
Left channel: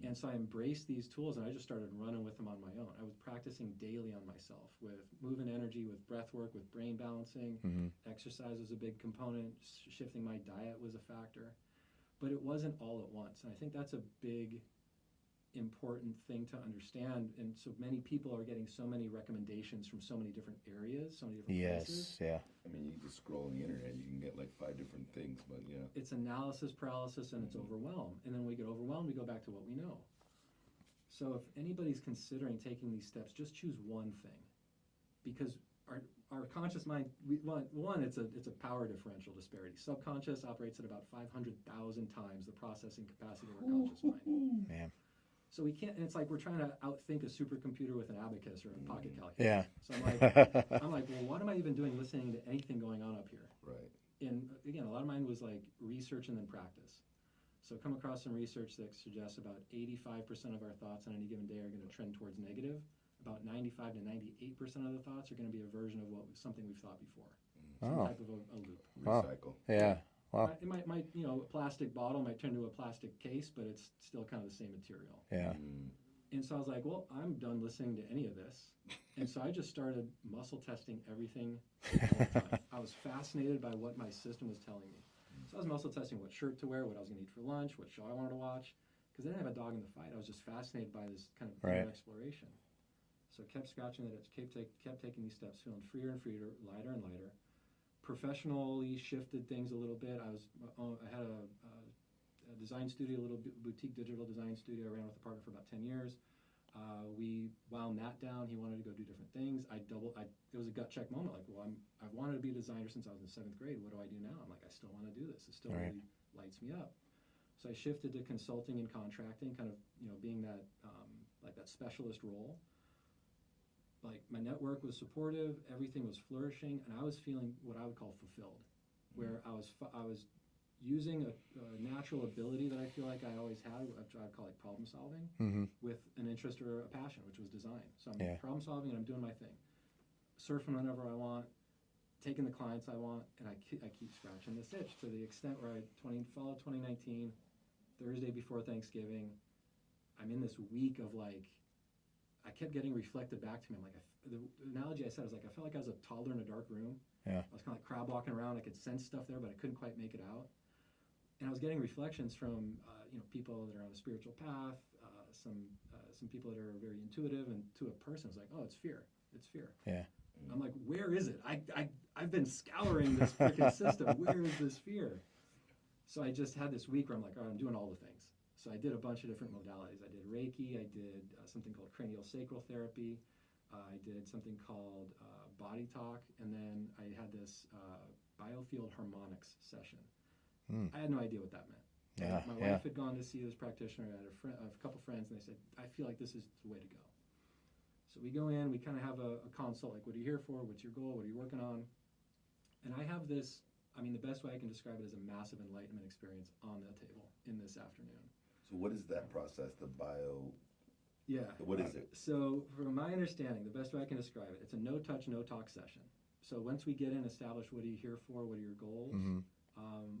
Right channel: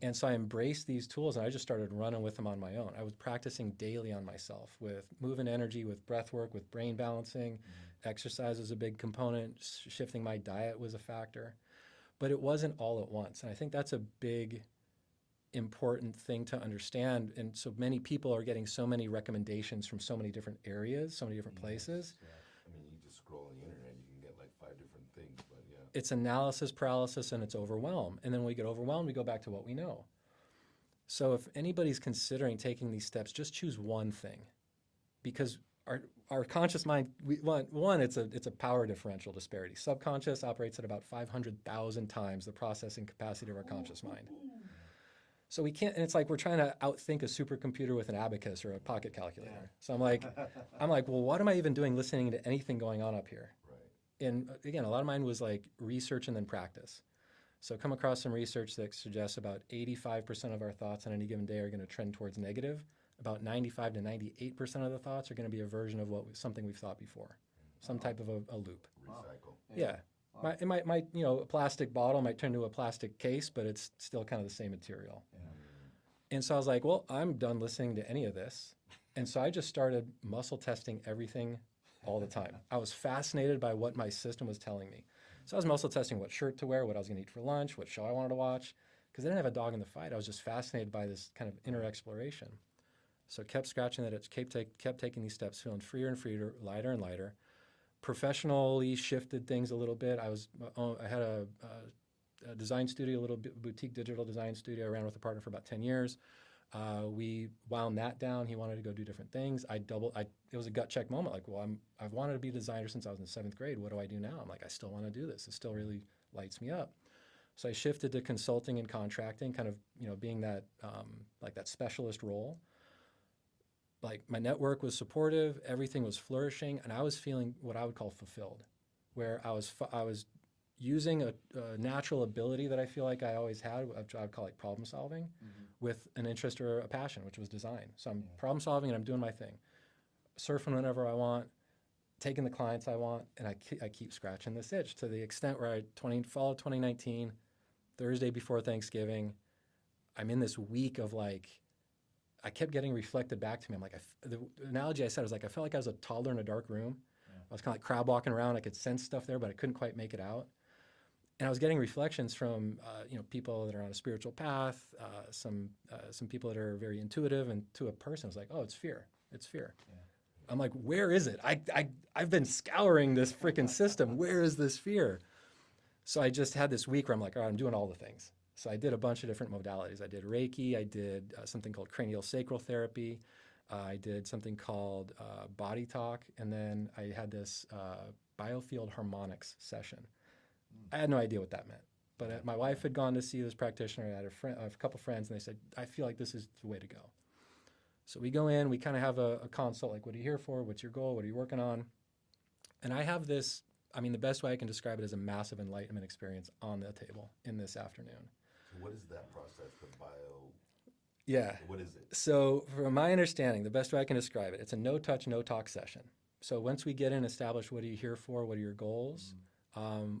And so I embraced these tools and I just started running with them on my own. I was practicing daily on myself with movement energy, with breath work, with brain balancing. Exercise was a big component. Shifting my diet was a factor. But it wasn't all at once. And I think that's a big, important thing to understand. And so many people are getting so many recommendations from so many different areas, so many different places. Yeah. I mean, you can just scroll on the internet, you can get like 5 different things, but yeah. It's analysis paralysis and it's overwhelm. And then when we get overwhelmed, we go back to what we know. So if anybody's considering taking these steps, just choose one thing. Because our conscious mind, it's a power differential disparity. Subconscious operates at about 500,000 times the processing capacity of our conscious mind. Man. So we can't, and it's like we're trying to outthink a supercomputer with an abacus or a pocket calculator. Yeah. So I'm like, well, what am I even doing listening to anything going on up here? Right. And again, a lot of mine was like research and then practice. So come across some research that suggests about 85% of our thoughts on any given day are going to trend towards negative. About 95 to 98% of the thoughts are going to be a version of something we've thought before, some type of a loop. Recycle. Yeah. Wow. It might, a plastic bottle might turn into a plastic case, but it's still kind of the same material. Yeah. And so I was like, well, I'm done listening to any of this. And so I just started muscle testing everything all the time. I was fascinated by what my system was telling me. So I was muscle testing what shirt to wear, what I was going to eat for lunch, what show I wanted to watch. Because I didn't have a dog in the fight. I was just fascinated by this kind of inner exploration. So kept scratching that itch, kept taking these steps, feeling freer and freer, lighter and lighter. Professionally shifted things a little bit. I had a design studio, a little boutique digital design studio. I ran with a partner for about 10 years. We wound that down. He wanted to go do different things. It was a gut check moment. Like, well, I've wanted to be a designer since I was in 7th grade. What do I do now? I'm like, I still want to do this. It still really lights me up. So I shifted to consulting and contracting, kind of, being that, like that specialist role. Like my network was supportive, everything was flourishing, and I was feeling what I would call fulfilled, where I was using a natural ability that I feel like I always had, which I would call like problem solving, with an interest or a passion, which was design. So I'm problem solving and I'm doing my thing, surfing whenever I want, taking the clients I want, and I keep scratching this itch to the extent where fall of 2019, Thursday before Thanksgiving, I'm in this week of like, I kept getting reflected back to me. I'm like, the analogy I said was like, I felt like I was a toddler in a dark room. Yeah. I was kind of like crab walking around. I could sense stuff there, but I couldn't quite make it out. And I was getting reflections from, people that are on a spiritual path, some people that are very intuitive, and to a person, I was like, oh, it's fear. It's fear. Yeah. I'm like, where is it? I've been scouring this freaking system. Where is this fear? So I just had this week where I'm like, all right, I'm doing all the things. So I did a bunch of different modalities. I did Reiki. I did something called cranial sacral therapy. I did something called body talk. And then I had this biofield harmonics session. I had no idea what that meant. But my wife had gone to see this practitioner. I had a couple friends, and they said, I feel like this is the way to go. So we go in, we kind of have a consult, like, what are you here for? What's your goal? What are you working on? And I have this, I mean, the best way I can describe it is a massive enlightenment experience on the table in this afternoon. So what is that process? The bio. Yeah. What is it? So from my understanding, the best way I can describe it, it's a no touch, no talk session. So once we get in, establish what are you here for? What are your goals?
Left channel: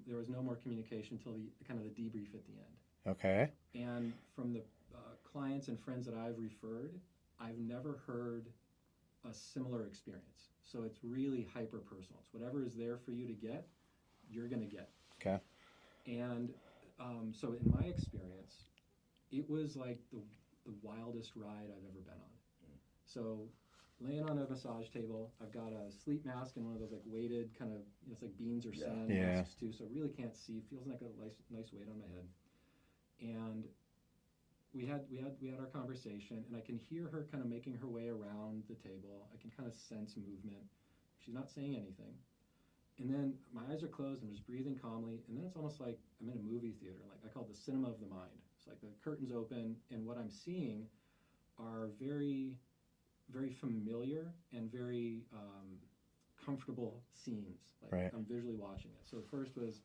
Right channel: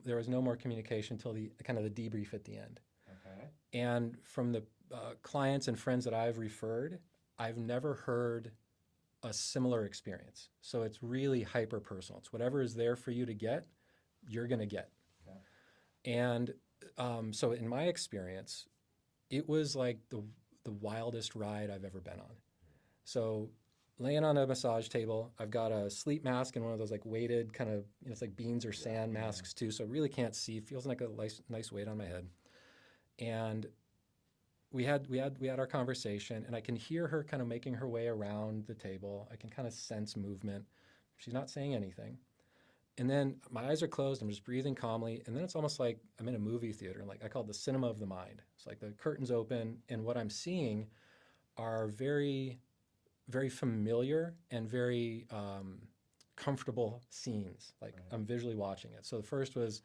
There is no more communication until the kind of the debrief at the end. Okay. And from the clients and friends that I've referred, I've never heard a similar experience. So it's really hyper personal. It's whatever is there for you to get, you're going to get. Okay. And so in my experience, it was like the wildest ride I've ever been on. So laying on a massage table, I've got a sleep mask and one of those like weighted kind of, it's like beans or sand masks too. So I really can't see. Feels like a nice weight on my head. And we had our conversation, and I can hear her kind of making her way around the table. I can kind of sense movement. She's not saying anything. And then my eyes are closed. I'm just breathing calmly. And then it's almost like I'm in a movie theater. Like I call it the cinema of the mind. It's like the curtains open, and what I'm seeing are very, very familiar and very comfortable scenes. Like I'm visually watching it. So the first was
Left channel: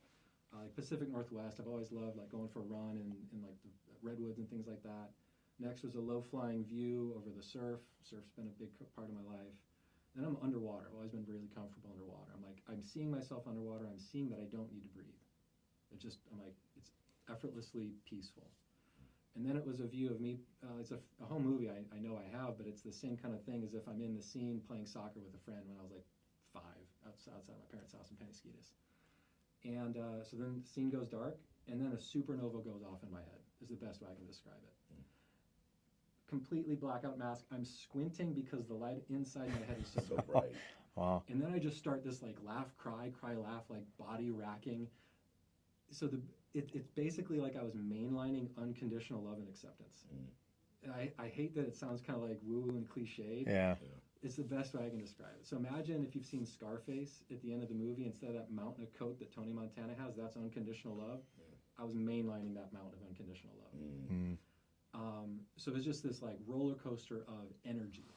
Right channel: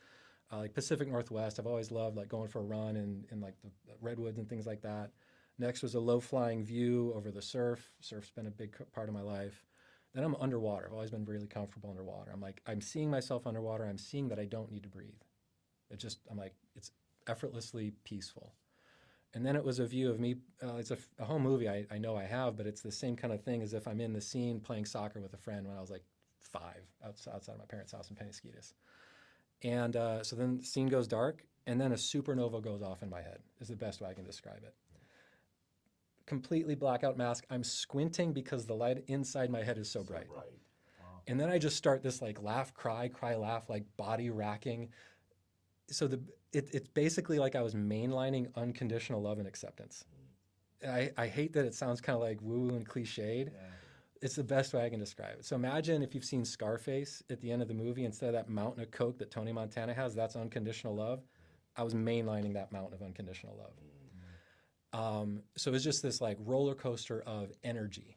like Pacific Northwest. I've always loved like going for a run in like the redwoods and things like that. Next was a low-flying view over the surf. Surf's been a big part of my life. Then I'm underwater. I've always been really comfortable underwater. I'm seeing myself underwater. I'm seeing that I don't need to breathe. I'm like, it's effortlessly peaceful. And then it was a view of me. It's a home movie I know I have, but it's the same kind of thing as if I'm in the scene playing soccer with a friend when I was like 5 outside of my parents' house in Penasquitas. And so then the scene goes dark, and then a supernova goes off in my head, is the best way I can describe it. Completely blackout mask. I'm squinting because the light inside my head is so bright. Wow. And then I just start this like laugh, cry, laugh, like body racking. So it's basically like I was mainlining unconditional love and acceptance. I hate that it sounds kind of like woo and cliched. Yeah. It's the best way I can describe it. So imagine if you've seen Scarface at the end of the movie, instead of that mountain of coke that Tony Montana has, that's unconditional love. I was mainlining that mountain of unconditional love. So it was just this like roller coaster of energy.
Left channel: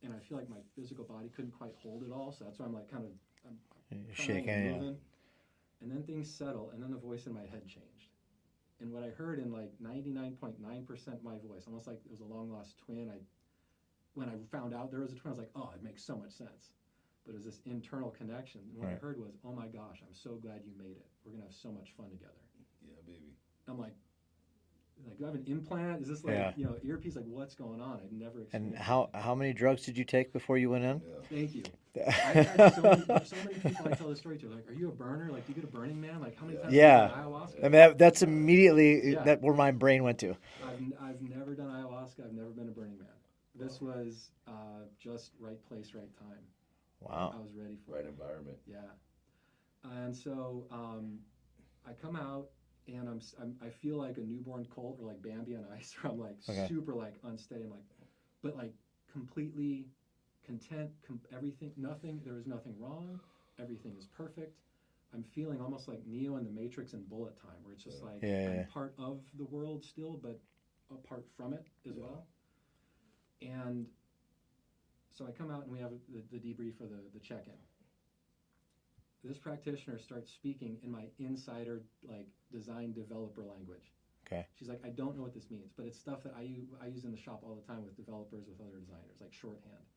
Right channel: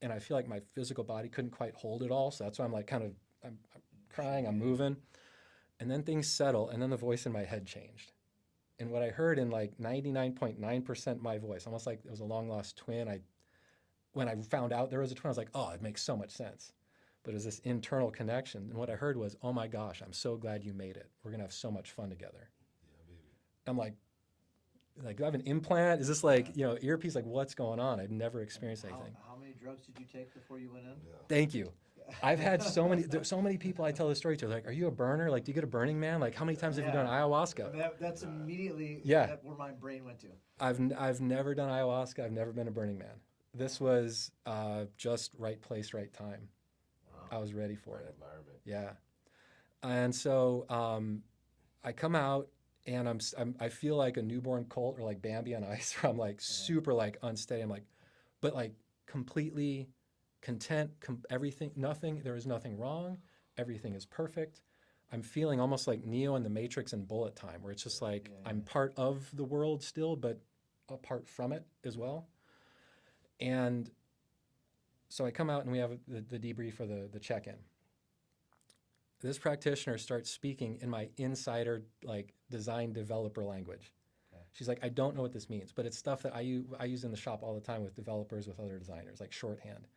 And I feel like my physical body couldn't quite hold it all. So that's why I'm like kind of, I'm crying, I'm moving. And then things settle, and then the voice in my head changed. And what I heard in like 99.9% my voice, almost like it was a long lost twin. When I found out there was a twin, I was like, oh, it makes so much sense. But it was this internal connection. And what I heard was, oh my gosh, I'm so glad you made it. We're going to have so much fun together. Yeah, baby. I'm like, do I have an implant? Is this like, earpiece? Like, what's going on? I've never experienced anything. How many drugs did you take before you went in? Thank you. I've had so many people I tell this story to. Like, are you a burner? Like, do you get a Burning Man? Like, how many times have you done ayahuasca? I mean, that's immediately where my brain went to. I've never done ayahuasca. I've never been a Burning Man. This was just right place, right time. Wow. I was ready for it. Right environment. Yeah. And so I come out, and I feel like a newborn colt or like Bambi on ice, where I'm like super like unsteady. I'm like, but like completely content, everything, there is nothing wrong. Everything is perfect. I'm feeling almost like Neo in the Matrix in Bullet Time, where it's just like I'm part of the world still, but apart from it as well. And so I come out, and we have the debrief or the check-in. This practitioner starts speaking in my insider like design developer language. Okay. She's like, I don't know what this means, but it's stuff that I use in the shop all the time with developers, with other designers, like shorthand.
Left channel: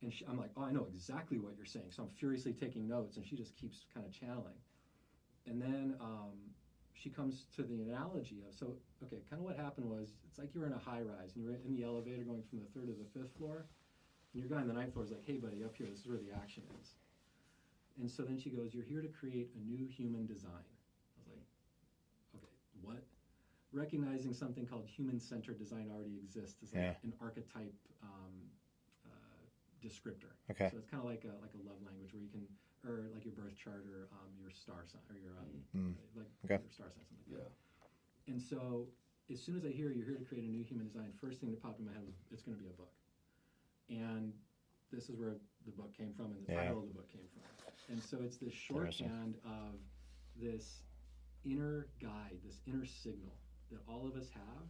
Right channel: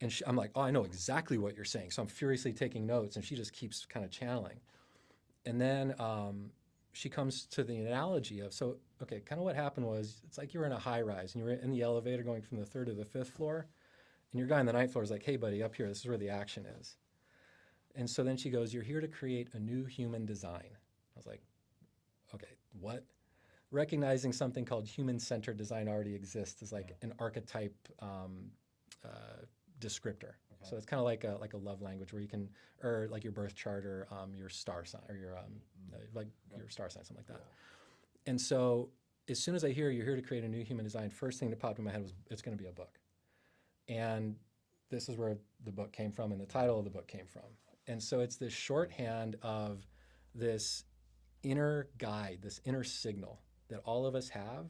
And I'm like, oh, I know exactly what you're saying. So I'm furiously taking notes, and she just keeps kind of channeling. And then she comes to the analogy of, kind of what happened was, it's like you were in a high rise, and you were in the elevator going from the 3rd to the 5th floor. And your guy on the 9th floor is like, hey, buddy, up here, this is where the action is. And so then she goes, you're here to create a new human design. I was like, okay, what? Recognizing something called human-centered design already exists as like an archetype descriptor. Okay. So it's kind of like a love language where you can, or like your birth chart, or your star sign, or your your star sign, something like that. Yeah. And so as soon as I hear you're here to create a new human design, first thing that popped in my head was, it's going to be a book. And this is where the book came from, and the title of the book came from. And so it's this shorthand of this inner guide, this inner signal that all of us have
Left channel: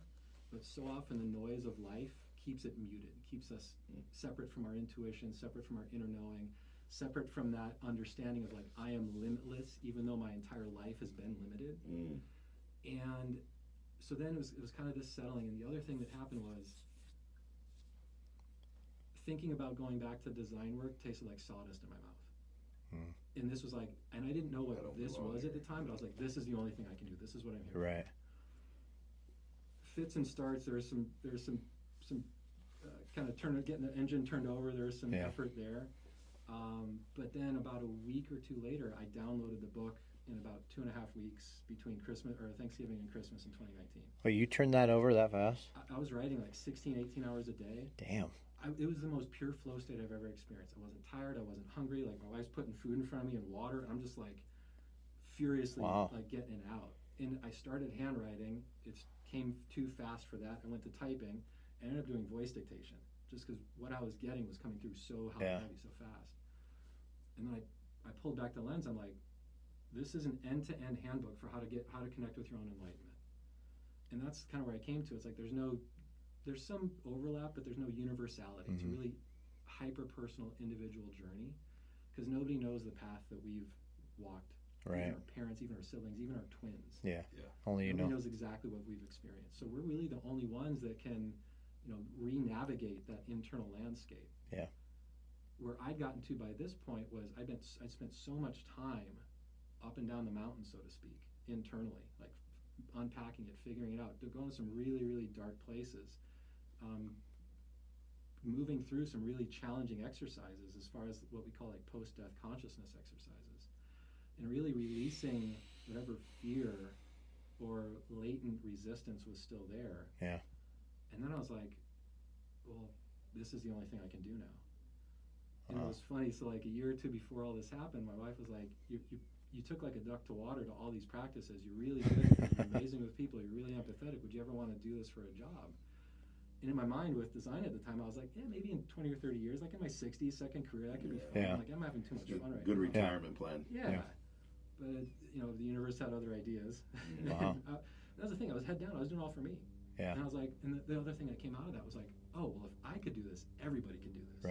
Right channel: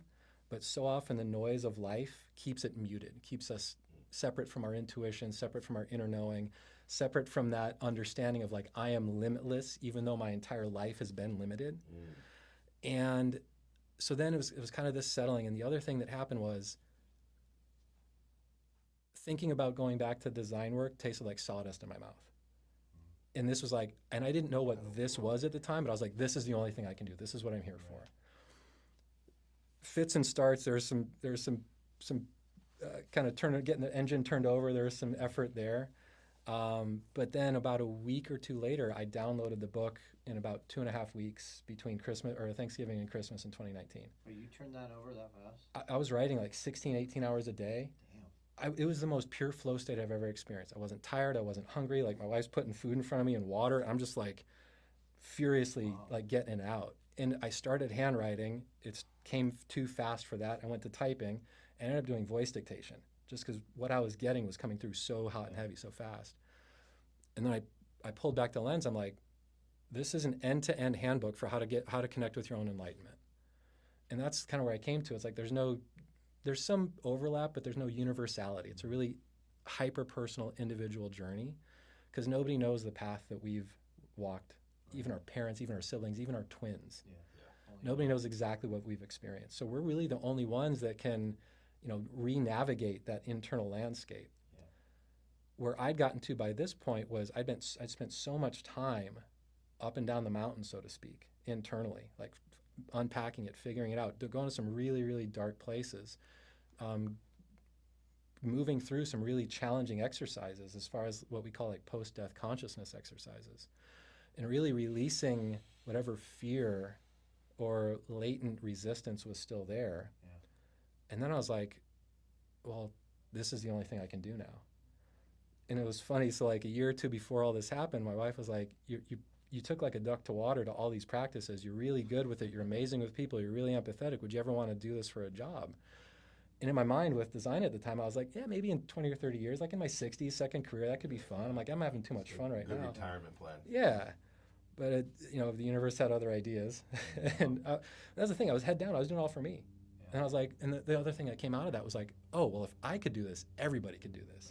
But so often the noise of life keeps it muted, keeps us separate from our intuition, separate from our inner knowing, separate from that understanding of like, I am limitless, even though my entire life has been limited. And so then it was kind of this settling. And the other thing that happened was thinking about going back to design work tasted like sawdust in my mouth. And this was like, and I didn't know what this was at the time, but I was like, this is the only thing I can do. This is what I'm here for. Fits and starts. There's some kind of getting the engine turned over. There was some effort there. But then about a week or two later, I downloaded the book in about 2.5 weeks between Thanksgiving and Christmas in 2019. Well, you turned that over that fast? I was writing like 16, 18 hours a day. Damn. It was the most pure flow state I've ever experienced. I wasn't tired. I wasn't hungry. Like my wife's putting food in front of me and water. I'm just like furiously like getting it out. And I started handwriting. It came too fast for that. I went to typing. I ended up doing voice dictation just because what I was getting was coming through so hot and heavy, so fast. And then I pulled back the lens. I'm like, this is an end-to-end handbook for how to connect with your own enlightenment. And that's kind of where I came to. It's like there's some overlap, but there's no universality. It's a really hyper-personal, individual journey because nobody knows the path that we've walked. Even our parents, even our siblings, even our twins. Only nobody knows exactly what we've experienced. So we're really the only ones that can, re-navigate that internal landscape. Where I'd gotten to by this point was I'd spent so much time up and down the mountain, so to speak, internally, like unpacking it, figuring it out, going to some really, really dark places, moving through some really challenging exercises as far as what we call like post-death consciousness exercises, and really releasing whatever fear or latent resistance was still there. And then I was like, well, this is the only thing I can do now. And it was funny. So like a year or two before all this happened, my wife was like, you took like a duck to water to all these practices. You're really good with it. You're amazing with people. You're really empathetic. Would you ever want to do this for a job? And in my mind with design at the time, I was like, yeah, maybe in 20 or 30 years, like in my 60s, second career, that could be fun. Like I'm having too much fun right now. Good retirement plan. Yeah. But the universe had other ideas. And that's the thing. I was head down. I was doing it all for me. And I was like, and the other thing that came out of that was like, oh, well, if I could do this, everybody could do this.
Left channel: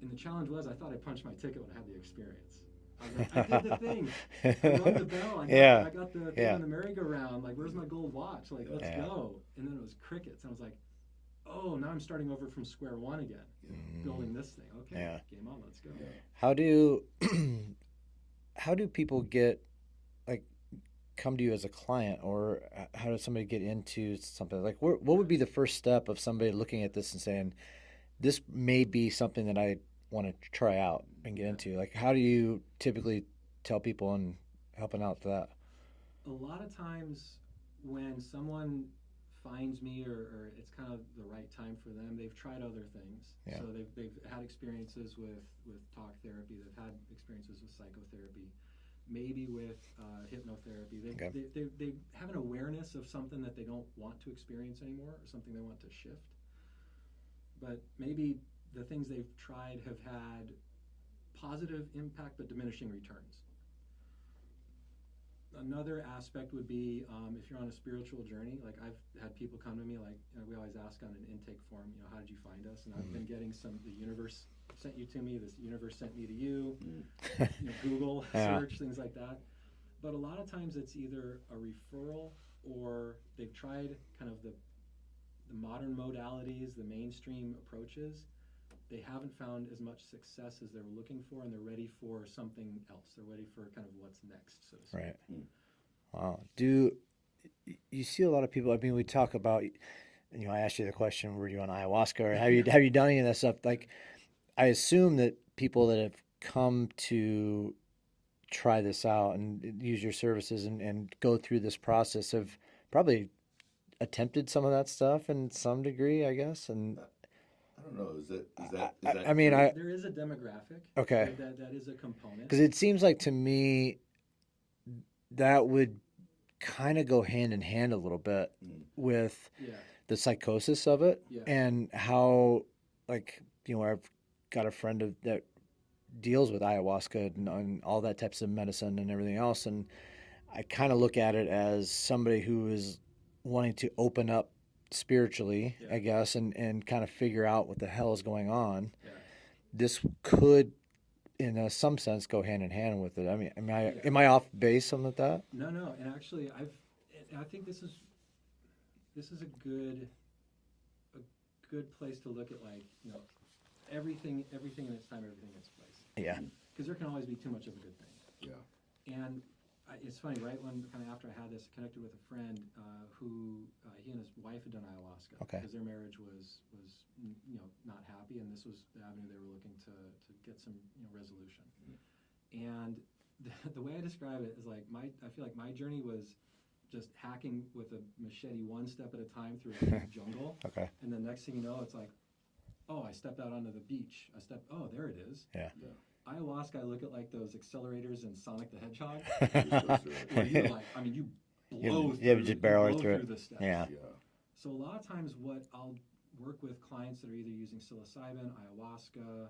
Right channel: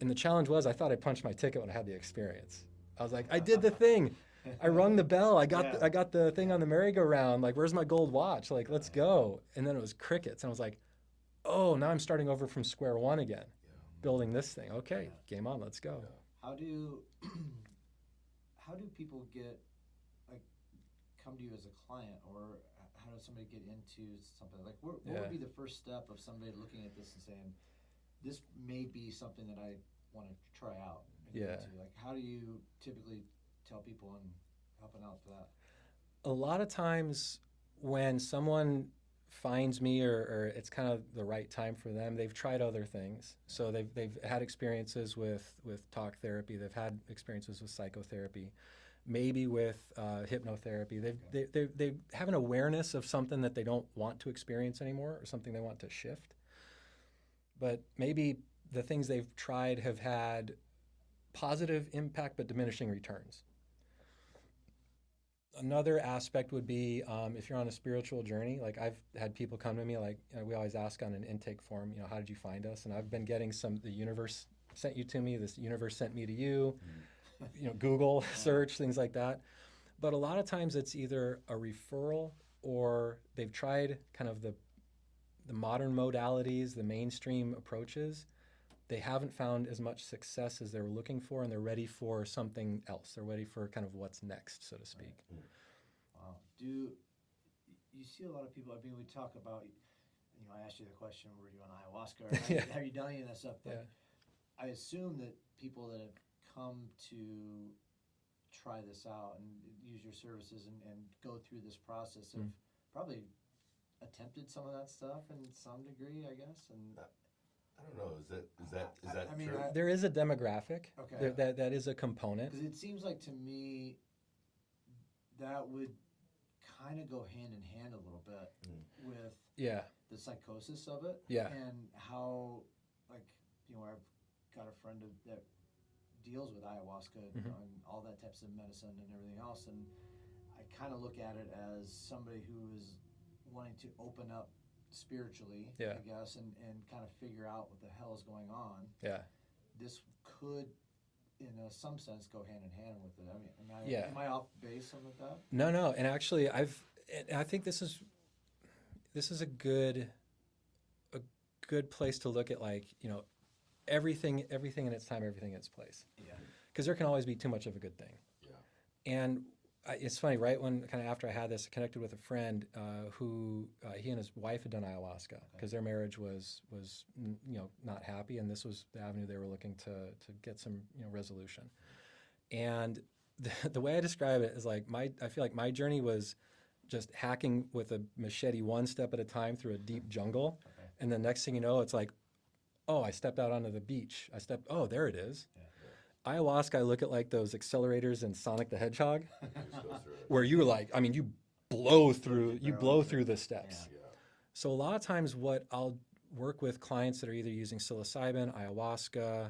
And the challenge was I thought I punched my ticket when I had the experience. I was like, I did the thing. I rung the bell. I got the thing on the merry-go-round. Like, where's my gold watch? Like, let's go. And then it was crickets. And I was like, oh, now I'm starting over from square one again, building this thing. Okay, game on. Let's go. How do people come to you as a client, or how does somebody get into something like what would be the first step of somebody looking at this and saying, this may be something that I want to try out and get into? Like, how do you typically tell people and helping out to that? A lot of times when someone finds me or it's kind of the right time for them, they've tried other things. So they've had experiences with talk therapy. They've had experiences with psychotherapy, maybe with hypnotherapy. They have an awareness of something that they don't want to experience anymore or something they want to shift. But maybe the things they've tried have had positive impact but diminishing returns. Another aspect would be if you're on a spiritual journey. Like I've had people come to me, like we always ask on an intake form, how did you find us? And I've been getting the universe sent you to me, this universe sent me to you, Google search, things like that. But a lot of times it's either a referral or they've tried kind of the modern modalities, the mainstream approaches. They haven't found as much success as they're looking for, and they're ready for something else. They're ready for kind of what's next, so to speak. Wow. Do you see a lot of people? I mean, we talk about, I asked you the question, were you on ayahuasca, or have you done any of that stuff? Like, I assume that people that have come to try this out and use your services and go through this process have probably attempted some of that stuff in some degree, I guess. And I don't know. Is that? I mean, there is a demographic. Okay. That is a component. Because it seems like to me that would kind of go hand in hand a little bit with the psychosis of it, and how, like, I've got a friend that deals with ayahuasca and all that types of medicine and everything else, and I kind of look at it as somebody who is wanting to open up spiritually, Yeah. I guess, and kind of figure out what the hell is going on, Yeah. this could, in some sense, go hand in hand with it. I mean, Yeah. am I off base something like that? No. And actually, I think this is a good place to look at, like, everything in its time, everything in its place. Yeah. Because there can always be too much of a good thing. Yeah. And it's funny, right when kind of after I had this, I connected with a friend who he and his wife had done ayahuasca Okay. because their marriage was not happy, and this was the avenue they were looking to get some resolution. And the way I describe it is like I feel like my journey was just hacking with a machete one step at a time through a deep jungle. Okay. And the next thing you know, it's like, oh, I stepped out onto the beach. Oh, there it is. Yeah. Ayahuasca, I look at like those accelerators in Sonic the Hedgehog, Just goes through it. where you're like, I mean, you blow just barrel through through it. the steps. Yeah. Yeah. So a lot of times what I'll work with clients that are either using psilocybin, ayahuasca,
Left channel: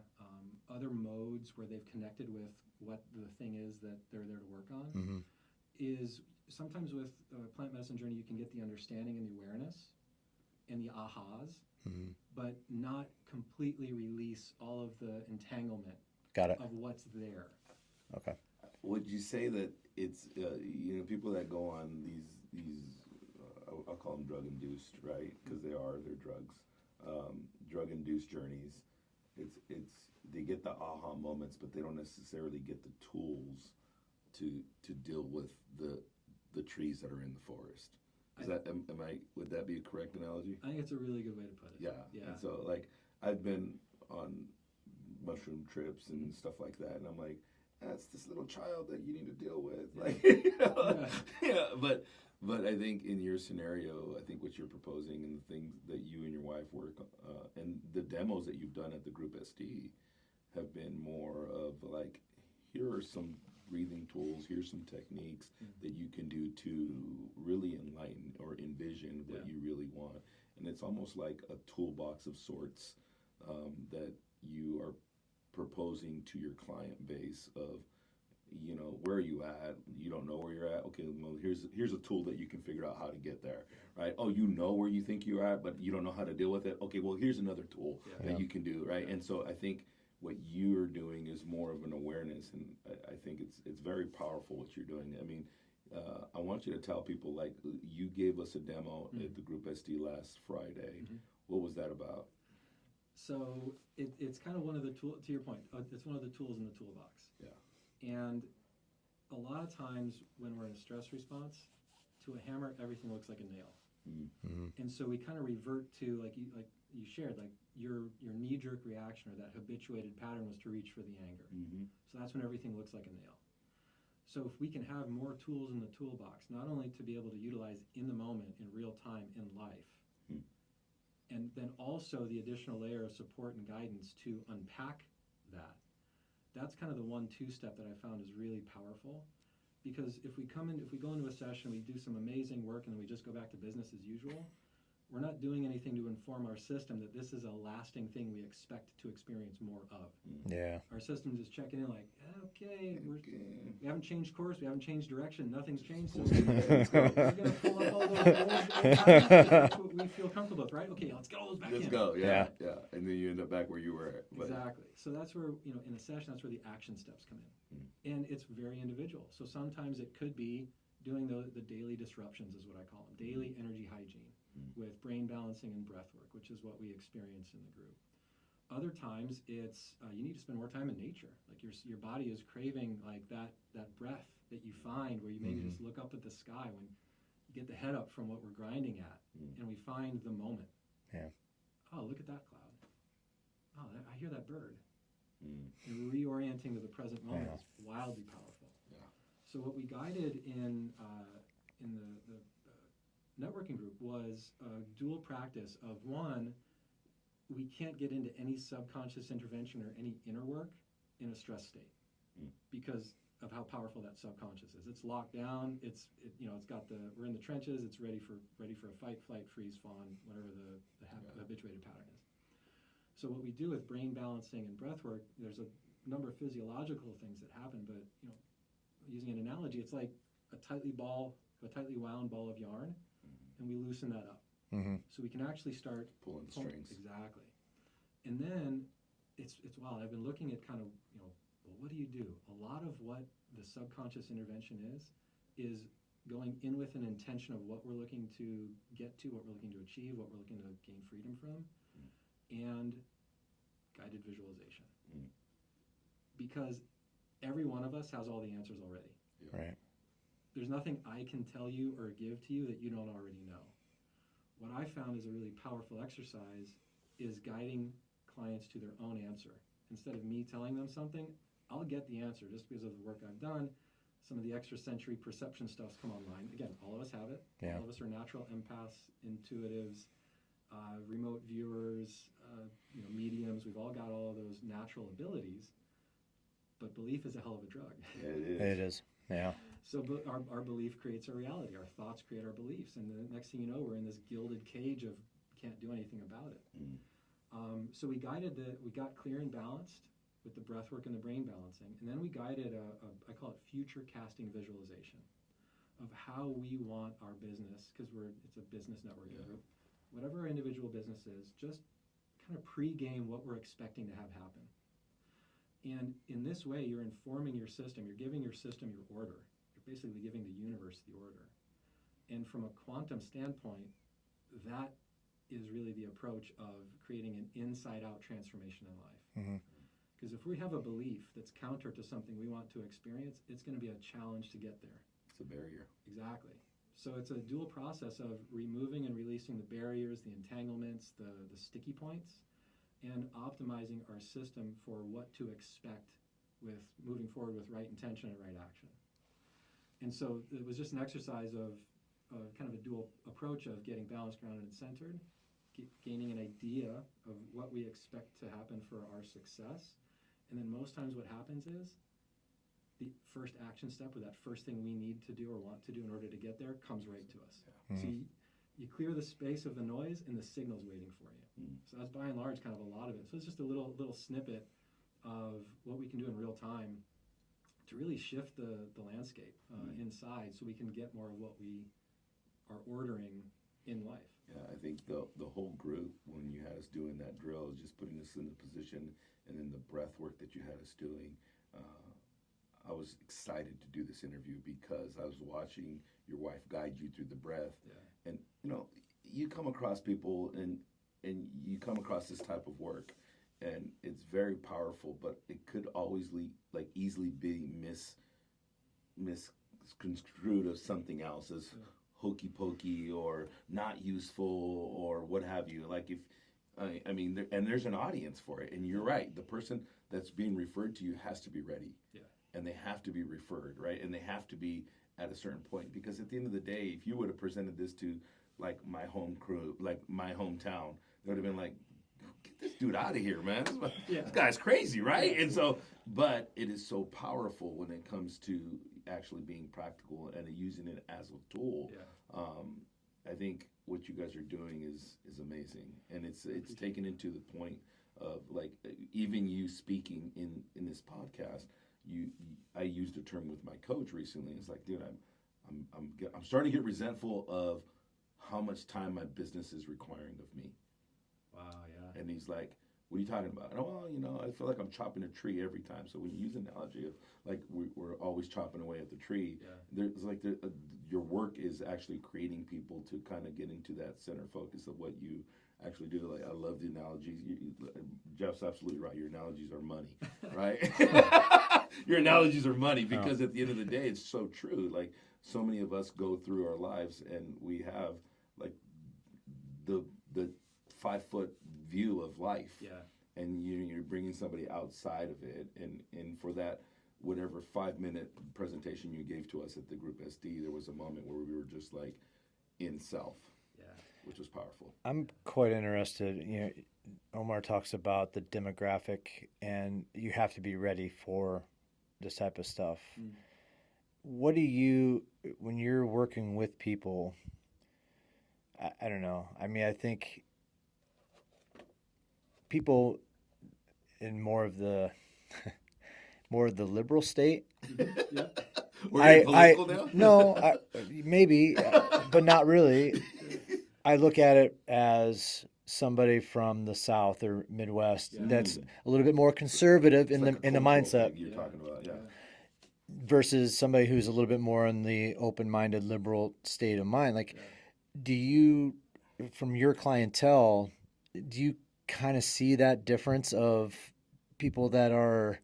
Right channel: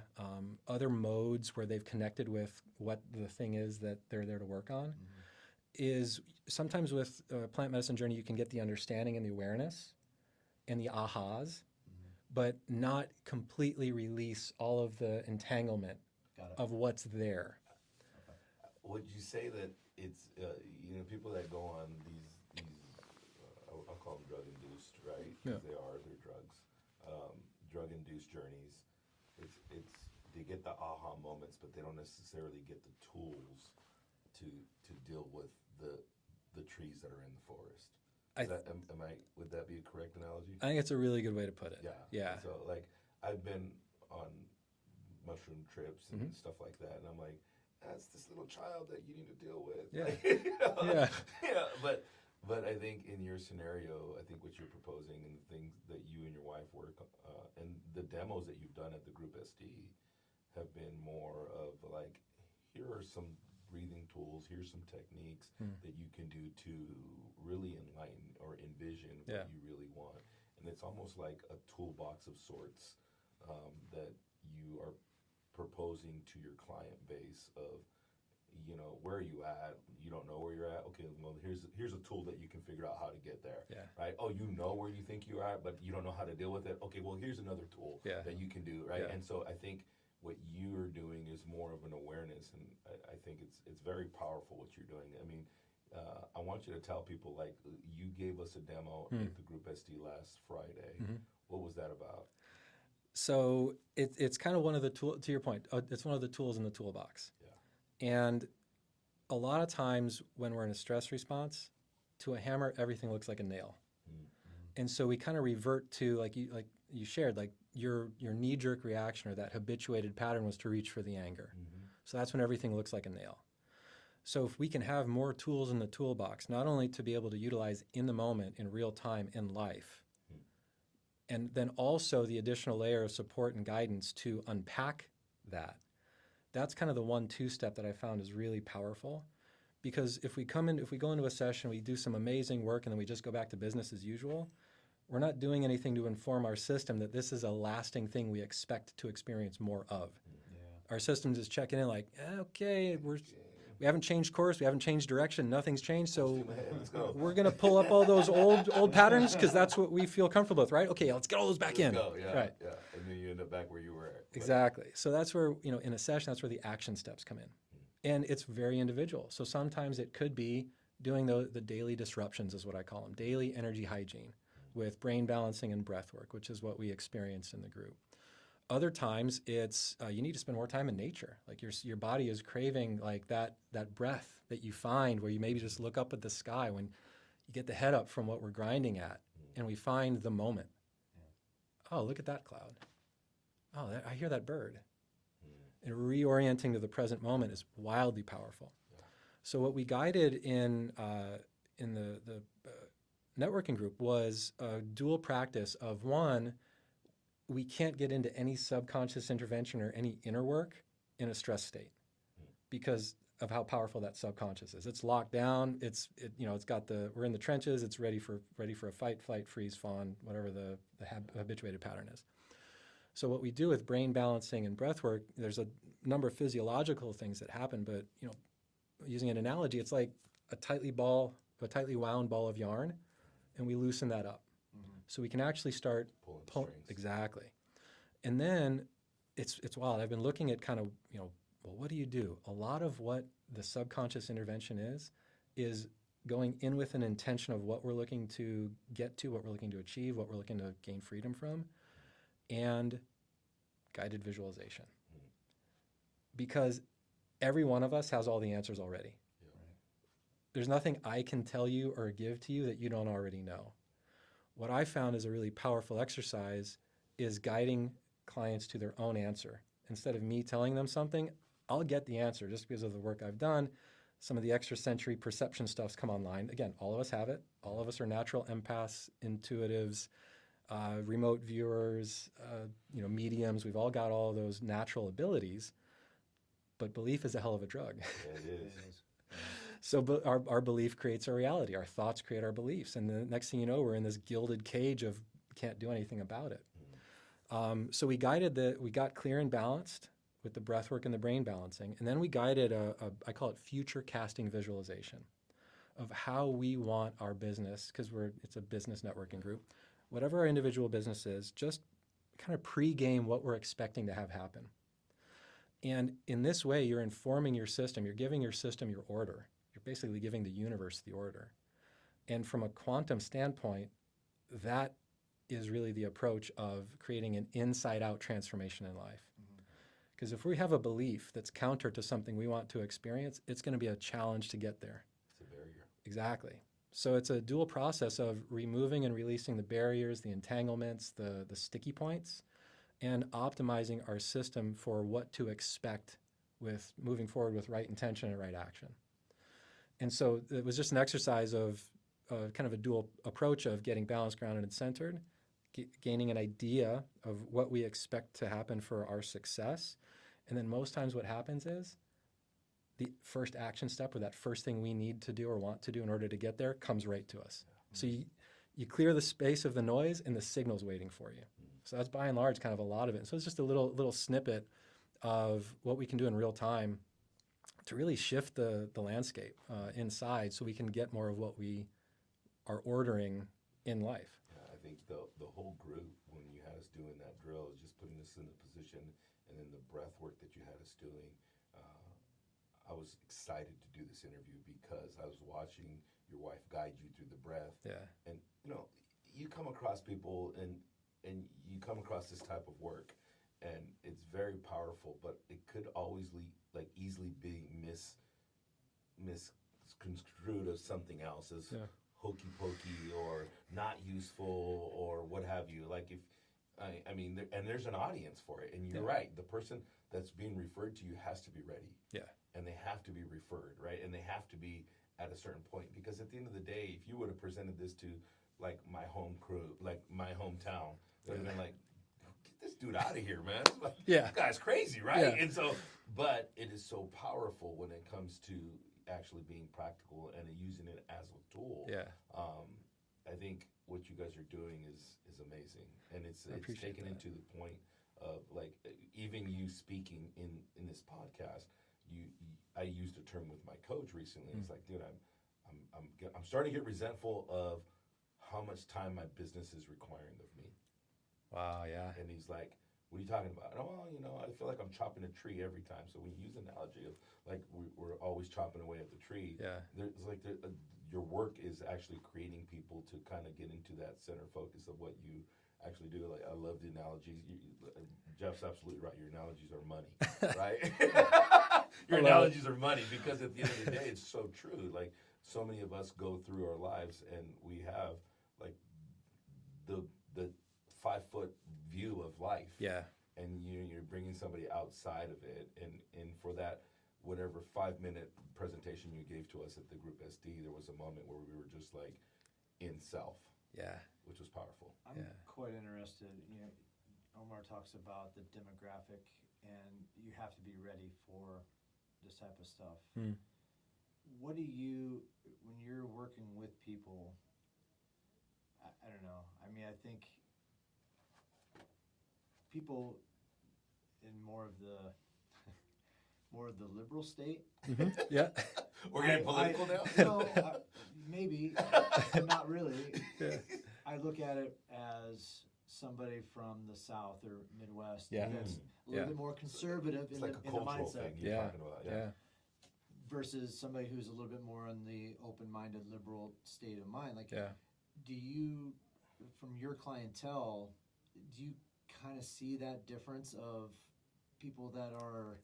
other modes where they've connected with what the thing is that they're there to work on, Mm-hmm. is sometimes with a plant medicine journey, you can get the understanding and the awareness and the ahas, Mm-hmm. but not completely release all of the entanglement Got it. of what's there. Okay. Would you say that it's people that go on these I'll call them drug induced, right? Because they're drugs, drug induced journeys. It's they get the aha moments, but they don't necessarily get the tools to deal with the trees that are in the forest. Would that be a correct analogy? I think it's a really good way to put it. Yeah. Yeah. And so like I've been on mushroom trips and Mhm. stuff like that, and I'm like, that's this little child that you need to deal with. Yeah. Like, yeah. But I think in your scenario, I think what you're proposing and the things that you and your wife work and the demos that you've done at the group SD have been more of like, here are some breathing tools, here's some techniques that you can do to really enlighten or envision what you really want. And it's almost like a toolbox of sorts that you are proposing to your client base of, where are you at? You don't know where you're at. Okay, well, here's a tool that you can figure out how to get there. Yeah. Right? Oh, you know where you think you're at, but you don't know how to deal with it. Okay, well, here's another tool that you can do. Right? Yeah. And so I think what you're doing is more of an awareness, and I think it's very powerful what you're doing. I mean, I want you to tell people, like, you gave us a demo at the Group SD last Friday. Mhm. What was that about? So it's kind of one of the tools, to your point, it's one of the tools in the toolbox. Yeah. And a lot of times when we're in a stress response, to a hammer, everything looks like a nail. Mm-hmm. And so we kind of revert to, like you shared, like your knee-jerk reaction or that habituated pattern was to reach for the anger. Mm-hmm. So that's when everything looks like a nail. So if we can have more tools in the toolbox, not only to be able to utilize in the moment, in real time, in life, and then also the additional layer of support and guidance to unpack that, that's kind of the 1-2 step that I found is really powerful. Because if we go into a session, we do some amazing work, and then we just go back to business as usual, we're not doing anything to inform our system that this is a lasting thing we expect to experience more of. Yeah. Our system's just checking in like, okay, we haven't changed course, we haven't changed direction, nothing's changed, so we're going to pull up all those old patterns because that's what we feel comfortable with, right? Okay, let's get all those back Let's in. go. Yeah, Yeah. yeah. And then you end up back where you were at. But- Exactly. So that's where, in a session, that's where the action steps come in. And it's very individual. So sometimes it could be doing the daily disruptions is what I call them, daily energy hygiene with brain balancing and breath work, which is what we experienced in the group. Other times it's you need to spend more time in nature. Like your body is craving like that breath that you find where you maybe just look up at the sky when you get the head up from what we're grinding at and we find the moment. Yeah. Oh, look at that cloud. Oh, I hear that bird. And reorienting to the present moment is wildly powerful. Yeah. So what we guided in the networking group was a dual practice of one, we can't get into any subconscious intervention or any inner work in a stress state because of how powerful that subconscious is. It's locked down. We're in the trenches. It's ready for a fight, flight, freeze, fawn, whatever the habituated pattern is. So what we do with brain balancing and breath work, there's a number of physiological things that happen, but using an analogy, it's like a tightly wound ball of yarn, and we loosen that up. So we can actually start Pulling strings. Exactly. And then it's wild. I've been looking at kind of, well, what do you do? A lot of what the subconscious intervention is going in with an intention of what we're looking to get to, what we're looking to achieve, what we're looking to gain freedom from, and guided visualization. Because every one of us has all the answers already. Right. There's nothing I can tell you or give to you that you don't already know. What I found is a really powerful exercise is guiding clients to their own answer. Instead of me telling them something, I'll get the answer just because of the work I've done. Some of the extrasensory perception stuff's come online. Again, all of us have it. Yeah. All of us are natural empaths, intuitives, remote viewers, mediums. We've all got all those natural abilities. But belief is a hell of a drug. It is. Yeah. So our belief creates our reality. Our thoughts create our beliefs. And the next thing you know, we're in this gilded cage of can't do anything about it. So we got clear and balanced with the breath work and the brain balancing. And then we guided I call it future casting visualization of how we want our business, because it's a business networking group. Whatever our individual business is, just kind of pre-game what we're expecting to have happen. And in this way, you're informing your system. You're giving your system your order. You're basically giving the universe the order. And from a quantum standpoint, that is really the approach of creating an inside-out transformation in life. Because if we have a belief that's counter to something we want to experience, it's going to be a challenge to get there. It's a barrier. Exactly. So it's a dual process of removing and releasing the barriers, the entanglements, the sticky points, and optimizing our system for what to expect with moving forward with right intention and right action. And so it was just an exercise of kind of a dual approach of getting balanced, grounded, and centered, gaining an idea of what we expect to happen for our success. And then most times what happens is the first action step, or that first thing we need to do or want to do in order to get there, comes right to us. So you clear the space of the noise and the signal's waiting for you. So that's by and large kind of a lot of it. So it's just a little snippet of what we can do in real time to really shift the landscape inside, so we can get more of what we are ordering in life. Yeah, I think the whole group, when you had us doing that drill, is just putting us in the position, and then the breath work that you had us doing. I was excited to do this interview because I was watching your wife guide you through the breath. Yeah. And you come across people and you come across this type of work, and it's very powerful, but it could always easily be misconstrued as something else, as hokey pokey or not useful or what have you. Like and there's an audience for it, and you're right. The person that's being referred to you has to be ready. Yeah. And they have to be referred, right? And they have to be at a certain point, because at the end of the day, if you would have presented this to like my home crew, like my hometown, it would have been like, get this dude out of here, man. This guy's crazy, right? Yeah. And so, but it is so powerful when it comes to actually being practical and using it as a tool. Yeah. I think what you guys are doing is amazing, and it's taken into the point of like even you speaking in this podcast. I used a term with my coach recently. It's like, dude, I'm starting to get resentful of how much time my business is requiring of me. Wow, yeah. And he's like, what are you talking about? And, well, I feel like I'm chopping a tree every time. So when you use an analogy of like we're always chopping away at the tree, there's like your work is actually creating people to kind of get into that center focus of what you actually do. Like, I love the analogies. Jeff's absolutely right. Your analogies are money, right? Your analogies are money, because at the end of the day, it's so true. Like, so many of us go through our lives and we have like the 5-foot view of life. Yeah. And you're bringing somebody outside of it. And for that, whatever 5-minute presentation you gave to us at the group SD, there was a moment where we were just like in self. Yeah. Which was powerful. I'm quite interested. Omar talks about the demographic, and you have to be ready for this type of stuff. What do you, when you're working with people, I don't know. I mean, I think people in more of the liberal state. Yeah. We're political now? No, maybe, but not really. I look at it as somebody from the South or Midwest Yeah. that's Mm. a little Yeah. bit more conservative It's in like the a cultural mindset thing you're Yeah. talking about. Yeah. versus somebody who's a little bit more in the open-minded liberal state of mind. Like, Yeah. do you, from your clientele, do you kind of see that difference of people that are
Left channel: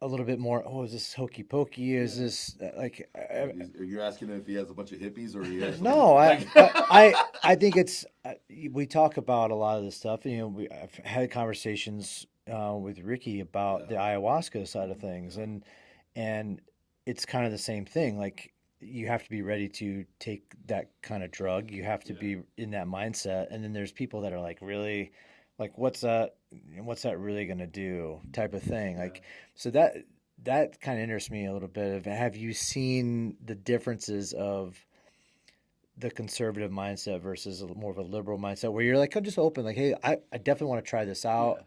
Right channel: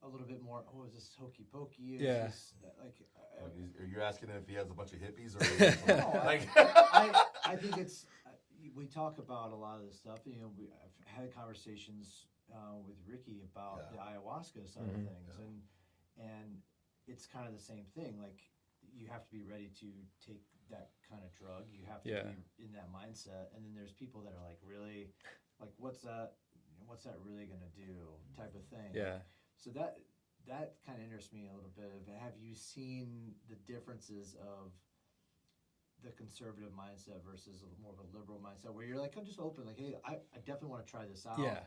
a little bit more, oh, is this hokey pokey? Is Yeah. this like, Are you asking if he has a bunch of hippies or he has no, like, I think it's, we talk about a lot of this stuff. You know, I've had conversations with Ricky about the Yeah. ayahuasca side of Mhm. things, and it's kind of the same thing. Like, you have to be ready to take that kind of drug. You have to Yeah. be in that mindset. And then there's people that are like, really, like, what's that? What's that really going to do? Type of thing. Yeah. Like, so that kind of interests me a little bit. Of, have you seen the differences of the conservative mindset versus more of a liberal mindset, where you're like, I'm just open, like, hey, I definitely want to try this out, Yeah.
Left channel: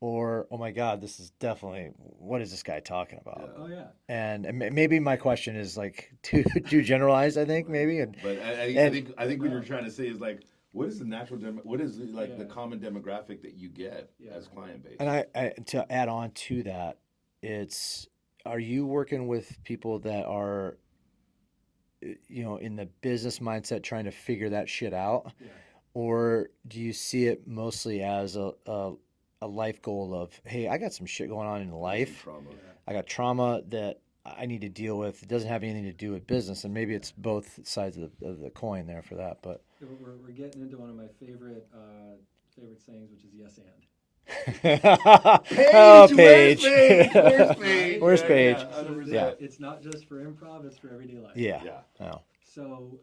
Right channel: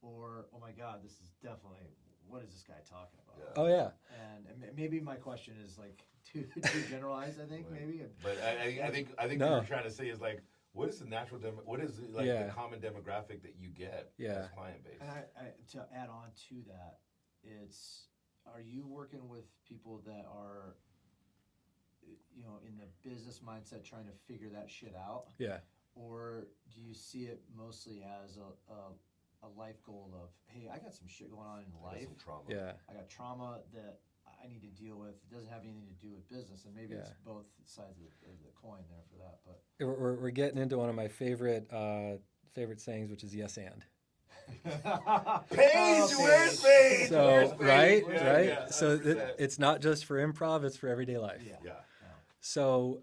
or oh my god, this is definitely, what is this guy talking about? Oh yeah. And maybe my question is like too generalized, I think, maybe. But And I think what No. you're trying to say is like, what is the natural what is the, like Yeah. the common demographic that you get Yeah. as client base? and I to add on to that, it's, are you working with people that are, in the business mindset trying to figure that shit out, Yeah. or do you see it mostly as a life goal of, hey, I got some shit going on in life. Trauma. Yeah. I got trauma that I need to deal with. It doesn't have anything to do with business, and maybe it's both sides of the coin there for that. But We're getting into one of my favorite sayings, which is yes and. oh, Where's Paige. Paige? Where's Paige? Right? Where's Yeah, Paige? yeah, So 100%. it's not just for improv; it's for everyday life. Yeah. Yeah. Oh. So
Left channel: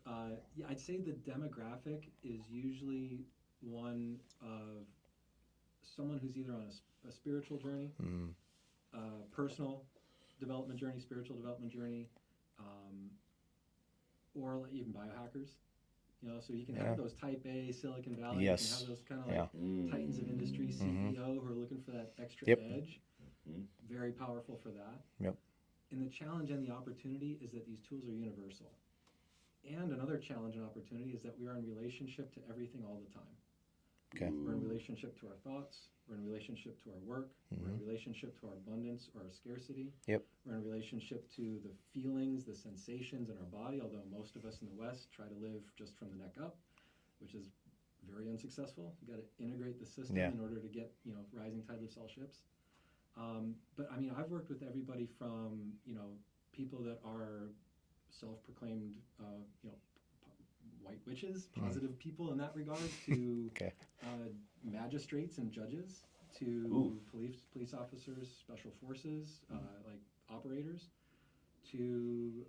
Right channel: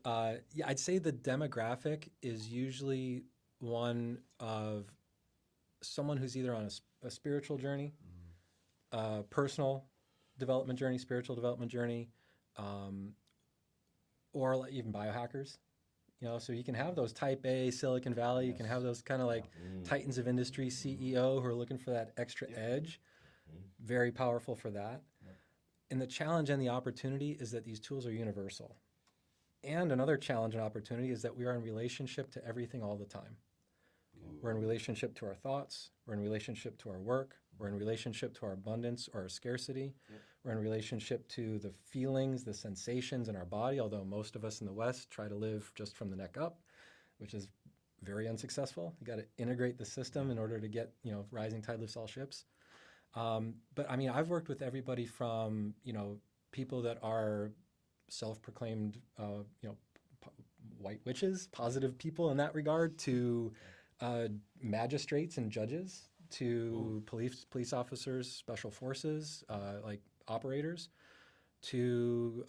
yeah, I'd say the demographic is usually one of someone who's either on a spiritual journey, personal development journey, spiritual development journey, or like even biohackers. So you can have those type A Silicon Valley. You can have Yes. those kind of like Mm. titans of industry CEO who are looking for that extra Yep. edge. Mhm. Very powerful for that. Yep. And the challenge and the opportunity is that these tools are universal. And another challenge and opportunity is that we are in relationship to everything all the time. Okay. We're in relationship to our thoughts. We're in relationship to our work. We're in relationship to our abundance or our scarcity. Yep. We're in relationship to the feelings, the sensations in our body, although most of us in the West try to live just from the neck up, which is very unsuccessful. You got to integrate the system in order to get, rising tide lifts all ships. But I mean, I've worked with everybody from, people that are self-proclaimed, white witches, positive people in that regard, to magistrates and judges, to police officers, special forces, like operators, to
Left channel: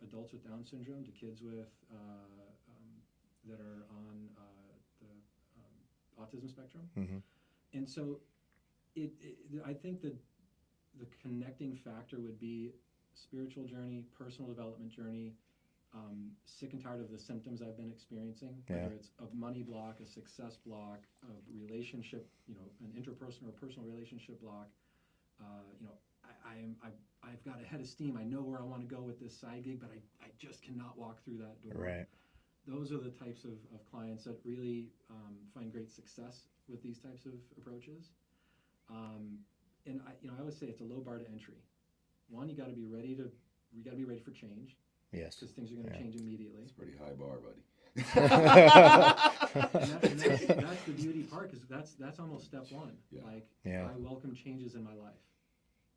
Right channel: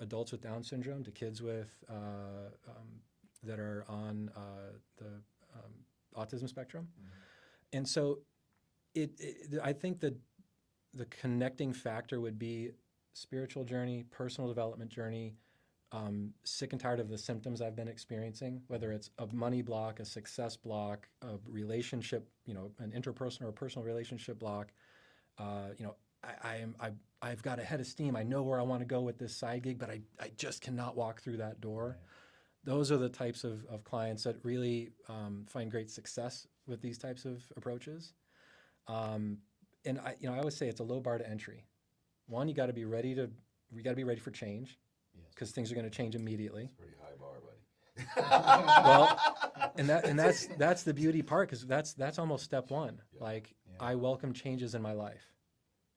adults with Down syndrome, to kids with that are on the autism spectrum. And so I think that the connecting factor would be spiritual journey, personal development journey, sick and tired of the symptoms I've been experiencing, whether it's a money block, a success block, a relationship, an interpersonal or personal relationship block. I've got a head of steam. I know where I want to go with this side gig, but I just cannot walk through that door. Right. Those are the types of clients that really find great success with these types of approaches. And I always say it's a low bar to entry. One, you got to be ready for change. Yes. Because things are going to change immediately. It's a pretty high bar, buddy. and that's the beauty part, because that's almost step one. Like, I welcome changes in my life.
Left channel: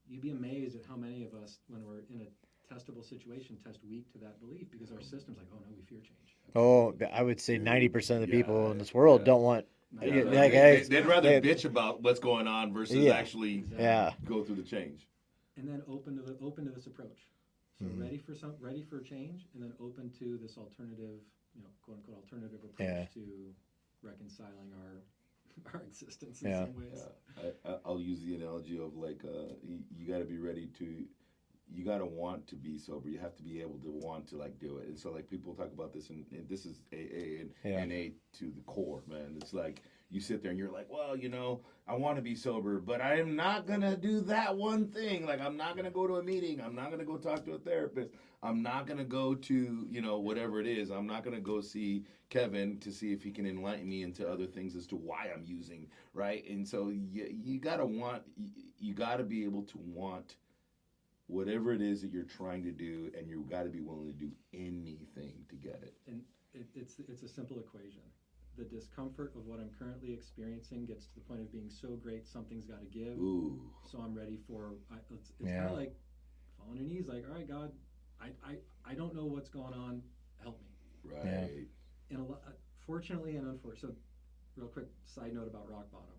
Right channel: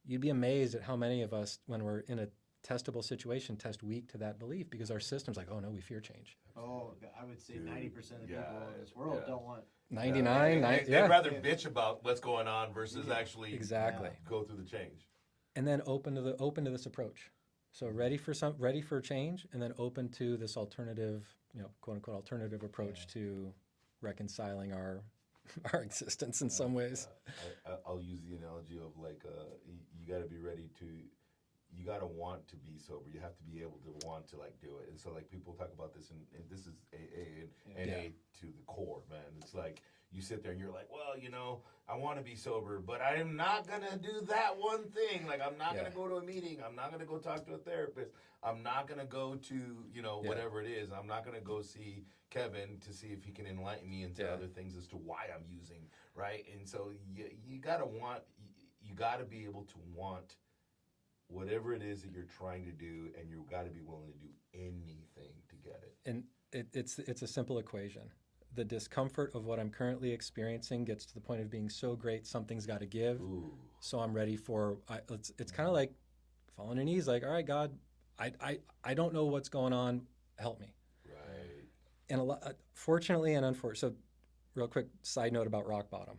You'd be amazed at how many of us, when we're in a testable situation, test weak to that belief, because our system's like, oh no, we fear change. Oh, I would say 90% of the people in this world don't want. 99, They'd rather bitch about what's going on versus actually go through the change. And then open to this approach. So ready for change, and then open to this alternative, quote unquote alternative approach to reconciling our existence in some ways. I'll use the analogy of like you got to be ready to. You got to want to be sober. You have to be able to want to like do it. And so like people talk about this, and this is AA and NA to the core, man. It's like you sit there and you're like, well, you know, I want to be sober, but I am not going to do that one thing. Like, I'm not going to go to a meeting. I'm not going to go talk to a therapist. I'm not going to go to, you know, whatever it is. I'm not going to go see Kevin to see if he can enlighten me into other things as to why I'm using, right? And so you got to be able to want whatever it is that you're trying to do, and you got to be willing to do anything to get it. And it's a simple equation. The discomfort of what I'm currently experiencing gets to the point of being so great, something's got to give. Ooh. So I'm ready for. It's kind of like falling on your knees, like, all right, God, I don't know what's going on. Help me. Right. And fortunately and unfortunately. So, real quick side note about rock bottom.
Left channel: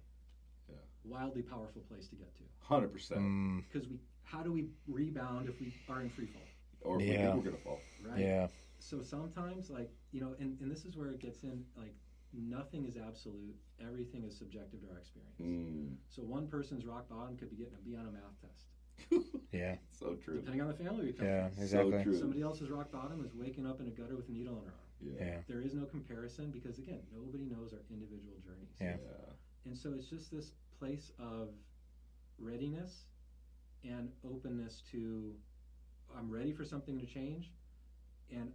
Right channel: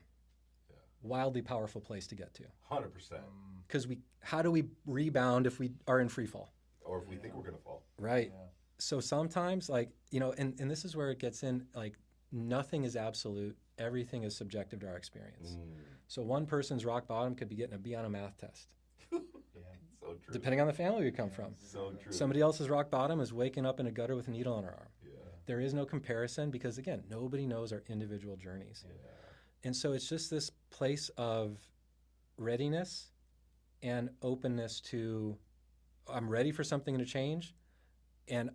Yeah. Wildly powerful place to get to. 100%. Because how do we rebound if we are in free fall? Or if we think we're gonna fall. Right. Yeah. So sometimes, like, you know, and this is where it gets in, like, nothing is absolute. Everything is subjective to our experience. So one person's rock bottom could be getting a B on a math test. Yeah. So true. Depending on the family we come from. Exactly. So true. Somebody else's rock bottom is waking up in a gutter with a needle on her arm. Yeah. There is no comparison because, again, nobody knows our individual journeys. Yeah. And so it's just this place of readiness and openness to, I'm ready for something to change, and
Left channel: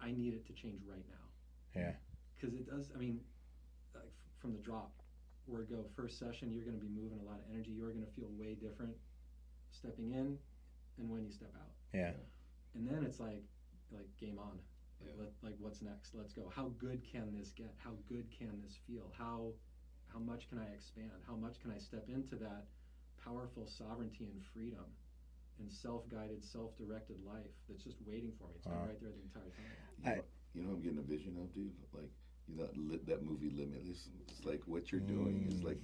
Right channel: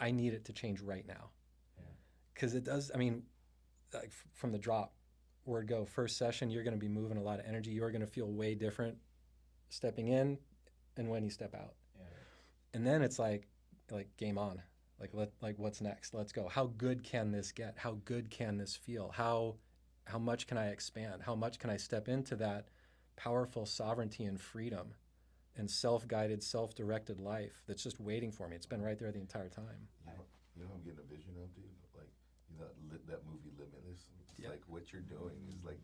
I need it to change right now. Yeah. Because it does, I mean, like from the drop, word go, first session, you're going to be moving a lot of energy. You're going to feel way different stepping in and when you step out. Yeah. And then it's like game on. Like what's next? Let's go. How good can this get? How good can this feel? How much can I expand? How much can I step into that powerful sovereignty and freedom and self-guided, self-directed life that's just waiting for me? It's been right there the entire time. You know, I'm getting a vision of, dude. Like, you know, that movie Limitless. It's like what you're doing is like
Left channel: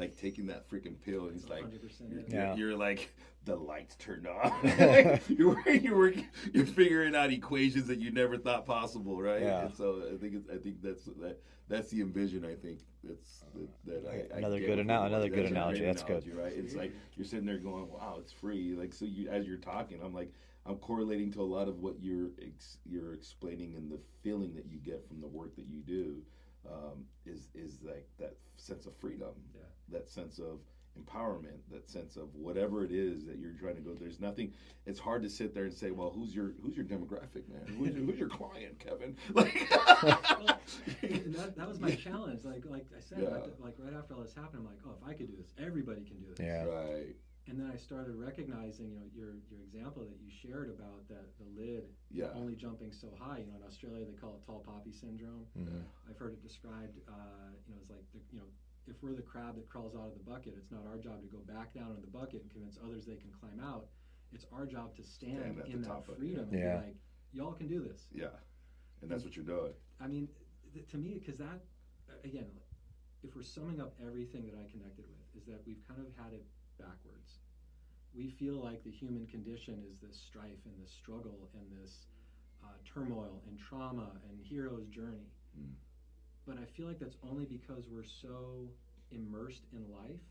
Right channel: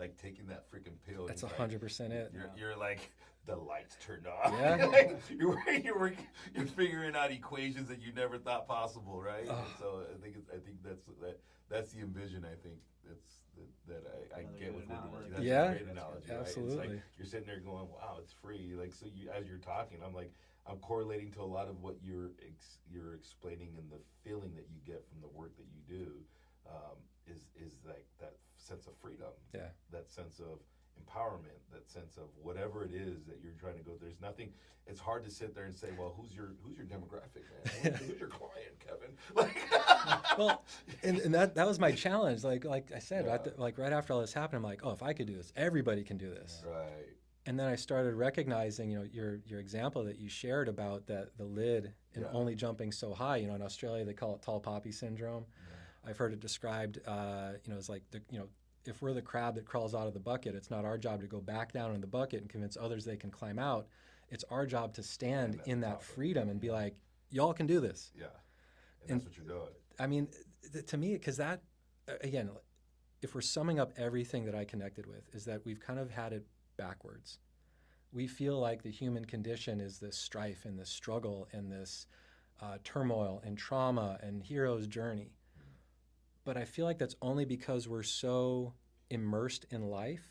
like taking that freaking pill. That's and 100% it. You're like, the lights turned off. Yeah. Like, you're figuring out equations that you never thought possible, right? Yeah. And so I think that's the envision. I think Another get good with analogy. That's good. Right? It's Absolutely. like you're sitting there going, "Wow, it's free." Like, so as you're talking, I'm correlating to a lot of what you're explaining, and the feeling that you get from the work that you do is like that sense of freedom, that sense of empowerment, that sense of whatever it is that you're trying to go. There's nothing. It's hard to sit there and say, well, who's your demographic, man? Who's your client, Kevin? Like, well, and that was my challenge. Like I said, right after all this happened, I'm like, oh, if I could do this, everybody can do this. Yeah. Right. And then I started recognizing, you know, your example that you shared about the lid and only jumping so high. You know, in Australia they call it tall poppy syndrome. I've heard it described, you know, as like if we're the crab that crawls out of the bucket, it's not our job to go back down in the bucket and convince others they can climb out. It's our job to stand in that freedom and be like, y'all can do this. Yeah, and that's what you're doing. I mean, to me, because that, again, if we're summing up everything that I connected with, is that we've kind of had it backwards. We feel like the human condition is this strife and this struggle and this turmoil and trauma and hero's journey. But I feel like that's only because we're so immersed in life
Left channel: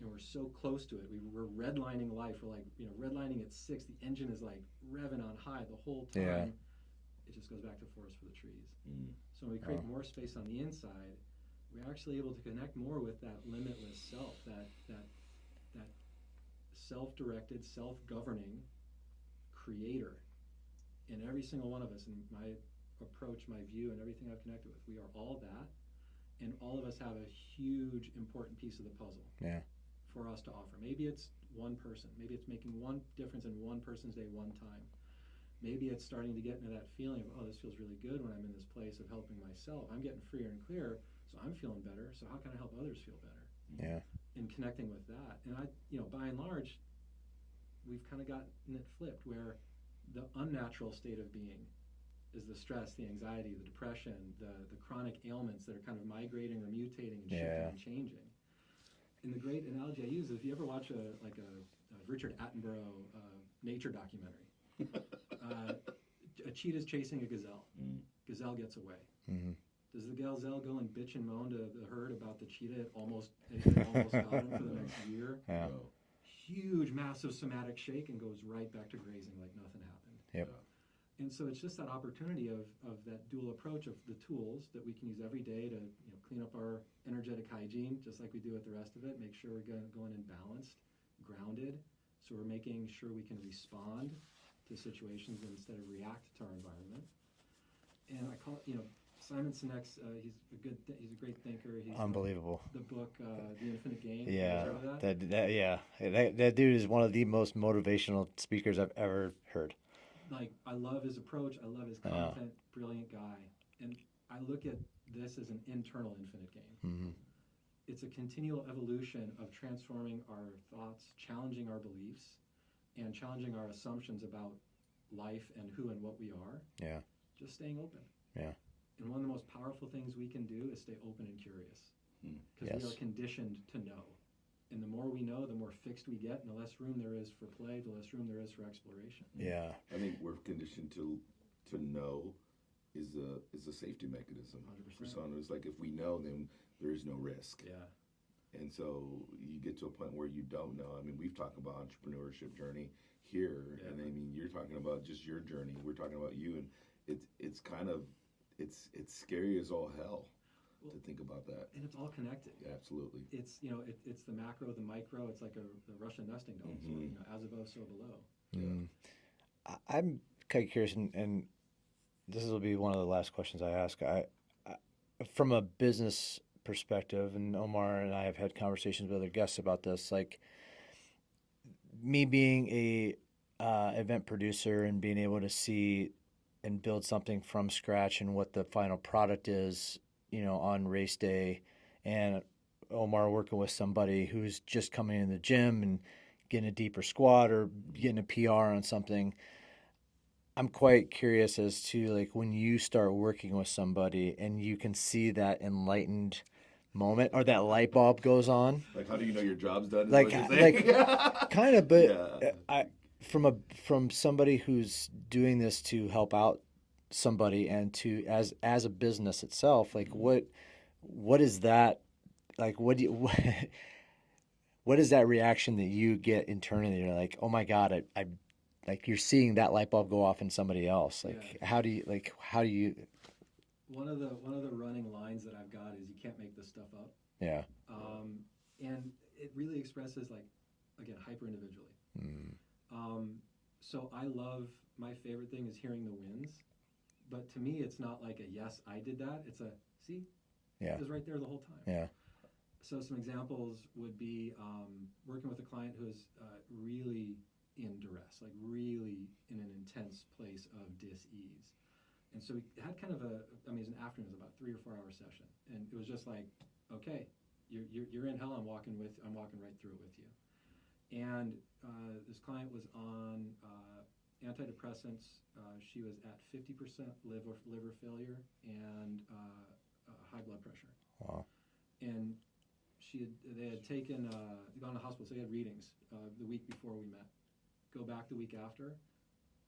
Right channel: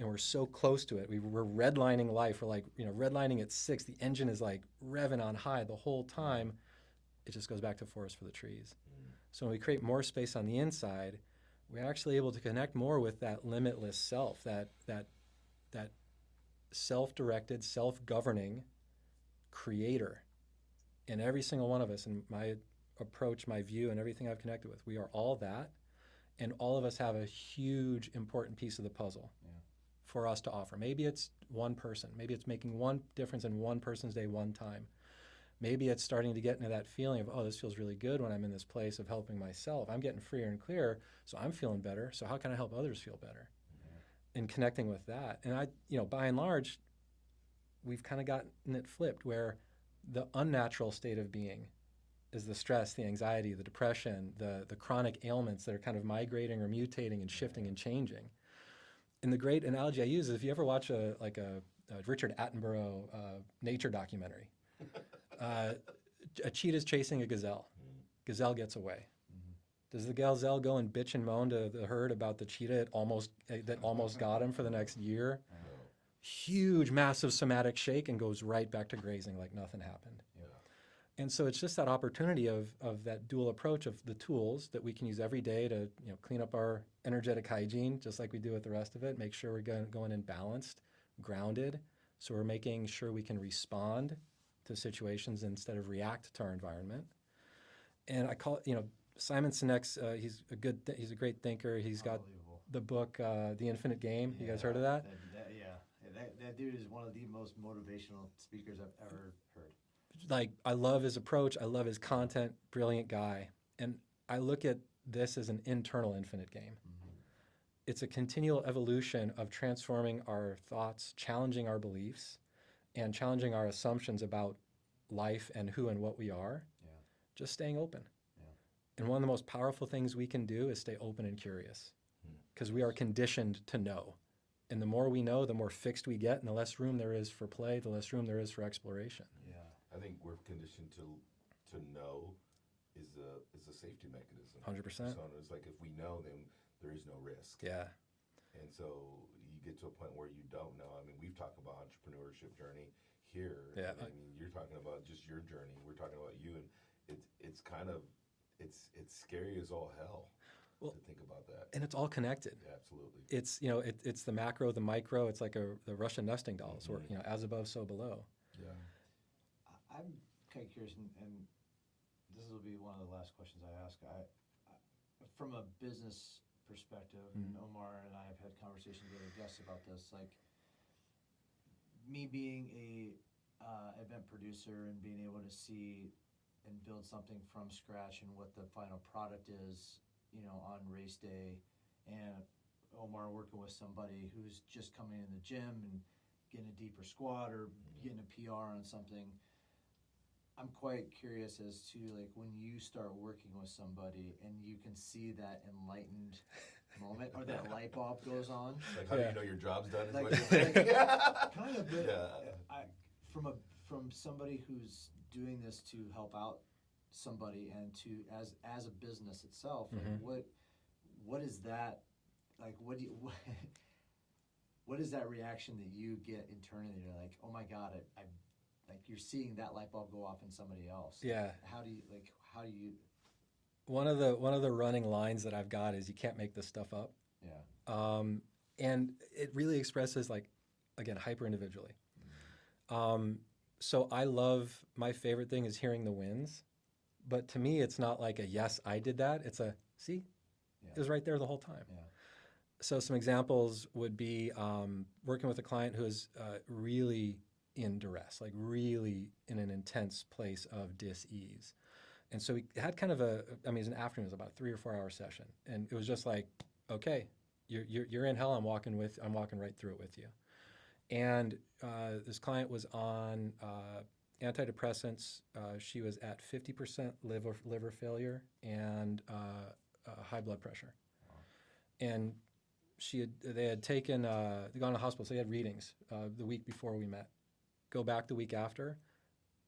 and we're so close to it. We're redlining life. We're like, you know, redlining at 6. The engine is like revving on high the whole time. It just goes back to forest for the trees. So when we create more space on the inside, we're actually able to connect more with that limitless self, that self-directed, self-governing creator in every single one of us. And my approach, my view, and everything I've connected with, we are all that, and all of us have a huge important piece of the puzzle for us to offer. Maybe it's one person, maybe it's making one difference in one person's day one time. Maybe it's starting to get into that feeling of, oh, this feels really good when I'm in this place of helping myself. I'm getting freer and clearer, so I'm feeling better. So how can I help others feel better? Yeah. And connecting with that. And by and large, we've kind of gotten it flipped where the unnatural state of being is the stress, the anxiety, the depression, the chronic ailments that are kind of migrating or mutating and shifting and changing. And the great analogy I use is if you ever watch a Richard Attenborough nature documentary, a cheetah's chasing a gazelle. Gazelle gets away. Does the gazelle go and bitch and moan to the herd about the cheetah that almost got him for the next year? Yeah. Huge, massive somatic shake and goes right back to grazing like nothing happened. Yep. And so it's just that opportunity of that dual approach of the tools that we can use every day to clean up our energetic hygiene, just like we do with the rest of it, make sure we're going in balanced, grounded. So we're making sure we can respond to situations instead of react to our environment. And I call it, Simon Sinek's, he's a great thinker. He's Unbelievable. got the book, The Infinite Game. Yeah. You guys heard of that? That dude is one of the most motivational speakers I've ever heard. Like, I love his approach. I love his content. Brilliant guy. And I look at this as an internal infinite game. Mm-hmm. It's a continual evolution of transforming our thoughts, challenging our beliefs, and challenging our assumptions about life and who and what we are. Yeah. Just staying open. Yeah. And one of the most powerful things we can do is stay open and curious, because we are conditioned to know. And the more we know, the more fixed we get, and the less room there is for play, the less room there is for exploration. Yeah. I think we're conditioned to know is a safety mechanism. 100%. So it's like if we know, then there is no risk. Yeah. And so you get to a point where you don't know. I mean, we've talked about entrepreneurship journey here. Yeah. And I mean, you're talking about just your journey. We're talking about you, and it's kind of it's scary as all hell to think about that. And it's all connected. Yeah, absolutely. It's it's the macro, the micro. It's like the Russian nesting dolls, where as above, so below. Yeah. I'm kind of curious, and this will be one of the last questions I ask. I from a business perspective, and Omar and I have had conversations with other guests about this. Like me being a event producer and being able to see and build something from scratch and what the final product is, on race day, and Omar working with somebody who's just coming in the gym and getting a deeper squat or getting a PR on something. I'm quite curious as to, like, when you start working with somebody and you can see that enlightened moment or that light bulb goes on. Like, how do you know your job's done? Like kind of, but Yeah. From somebody who's doing this to help out somebody and to as a business itself, like what is that, like what is that reaction that you get internally? You're like, oh my God, I like you're seeing that light bulb go off in somebody else. Like, Yeah. how do you One of the running lines that I've got is, you can't make this stuff up. yeah. And it really expresses, like, again, hyper individually. So my favorite thing is hearing the wins, but to me, it's not like a, yes, I did that. It's a, see, Yeah. it was right there the whole time. Yeah. So some examples would be working with a client who is really in duress, like really in an intense place of dis-ease. And so we had kind of it was an afternoon, it was about a 3 or 4 hour session. And it was just like, okay, you're in hell, I'm walking right through it with you. And this client was on antidepressants. She was at 50% liver failure and high blood pressure. Wow. And they had taken, they gone to the hospital, so they had readings the week before we met. Go back the week after,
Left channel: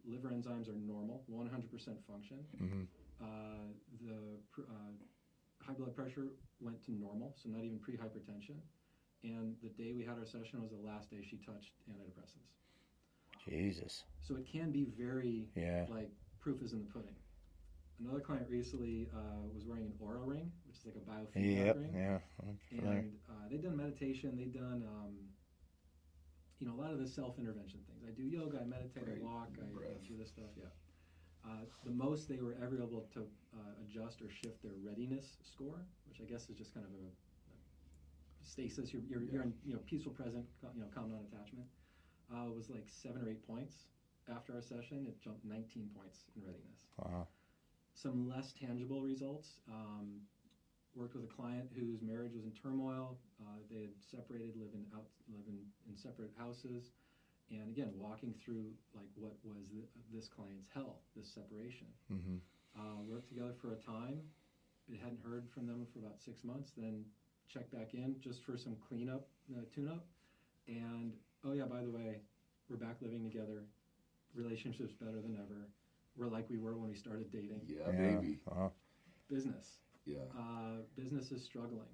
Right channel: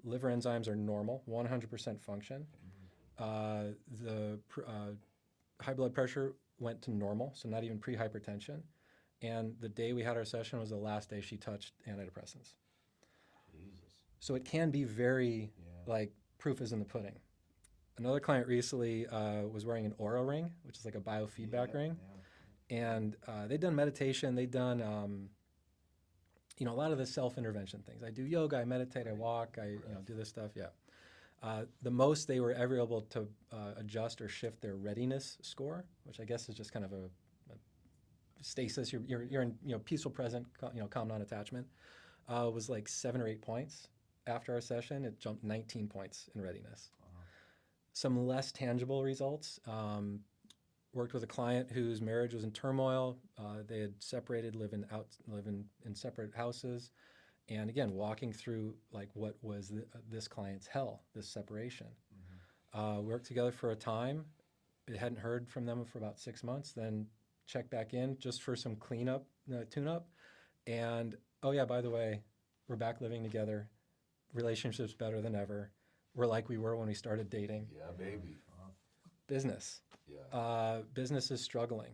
liver enzymes are normal, 100% function. The high blood pressure went to normal, so not even pre-hypertension. And the day we had our session was the last day she touched antidepressants. Jesus. So it can be very, like, proof is in the pudding. Another client recently was wearing an Aura ring, which is like a biofeedback ring. Yeah. And they'd done meditation, they'd done, a lot of the self-intervention things. I do yoga, I meditate, I walk, I do this stuff, the most they were ever able to adjust or shift their readiness score, which I guess is just kind of a stasis. You're in peaceful present, calm non-attachment. Was like 7 or 8 points. After our session, it jumped 19 points in readiness. Wow. Some less tangible results. Worked with a client whose marriage was in turmoil. They had separated, living in separate houses, and again, walking through like what was this client's hell, this separation. Worked together for a time. I hadn't heard from them for about 6 months. Then checked back in just for some cleanup, tune-up, and oh yeah, by the way, we're back living together. Relationship's better than ever. We're like we were when we started dating. Yeah, baby. Business. Yeah. Business is struggling.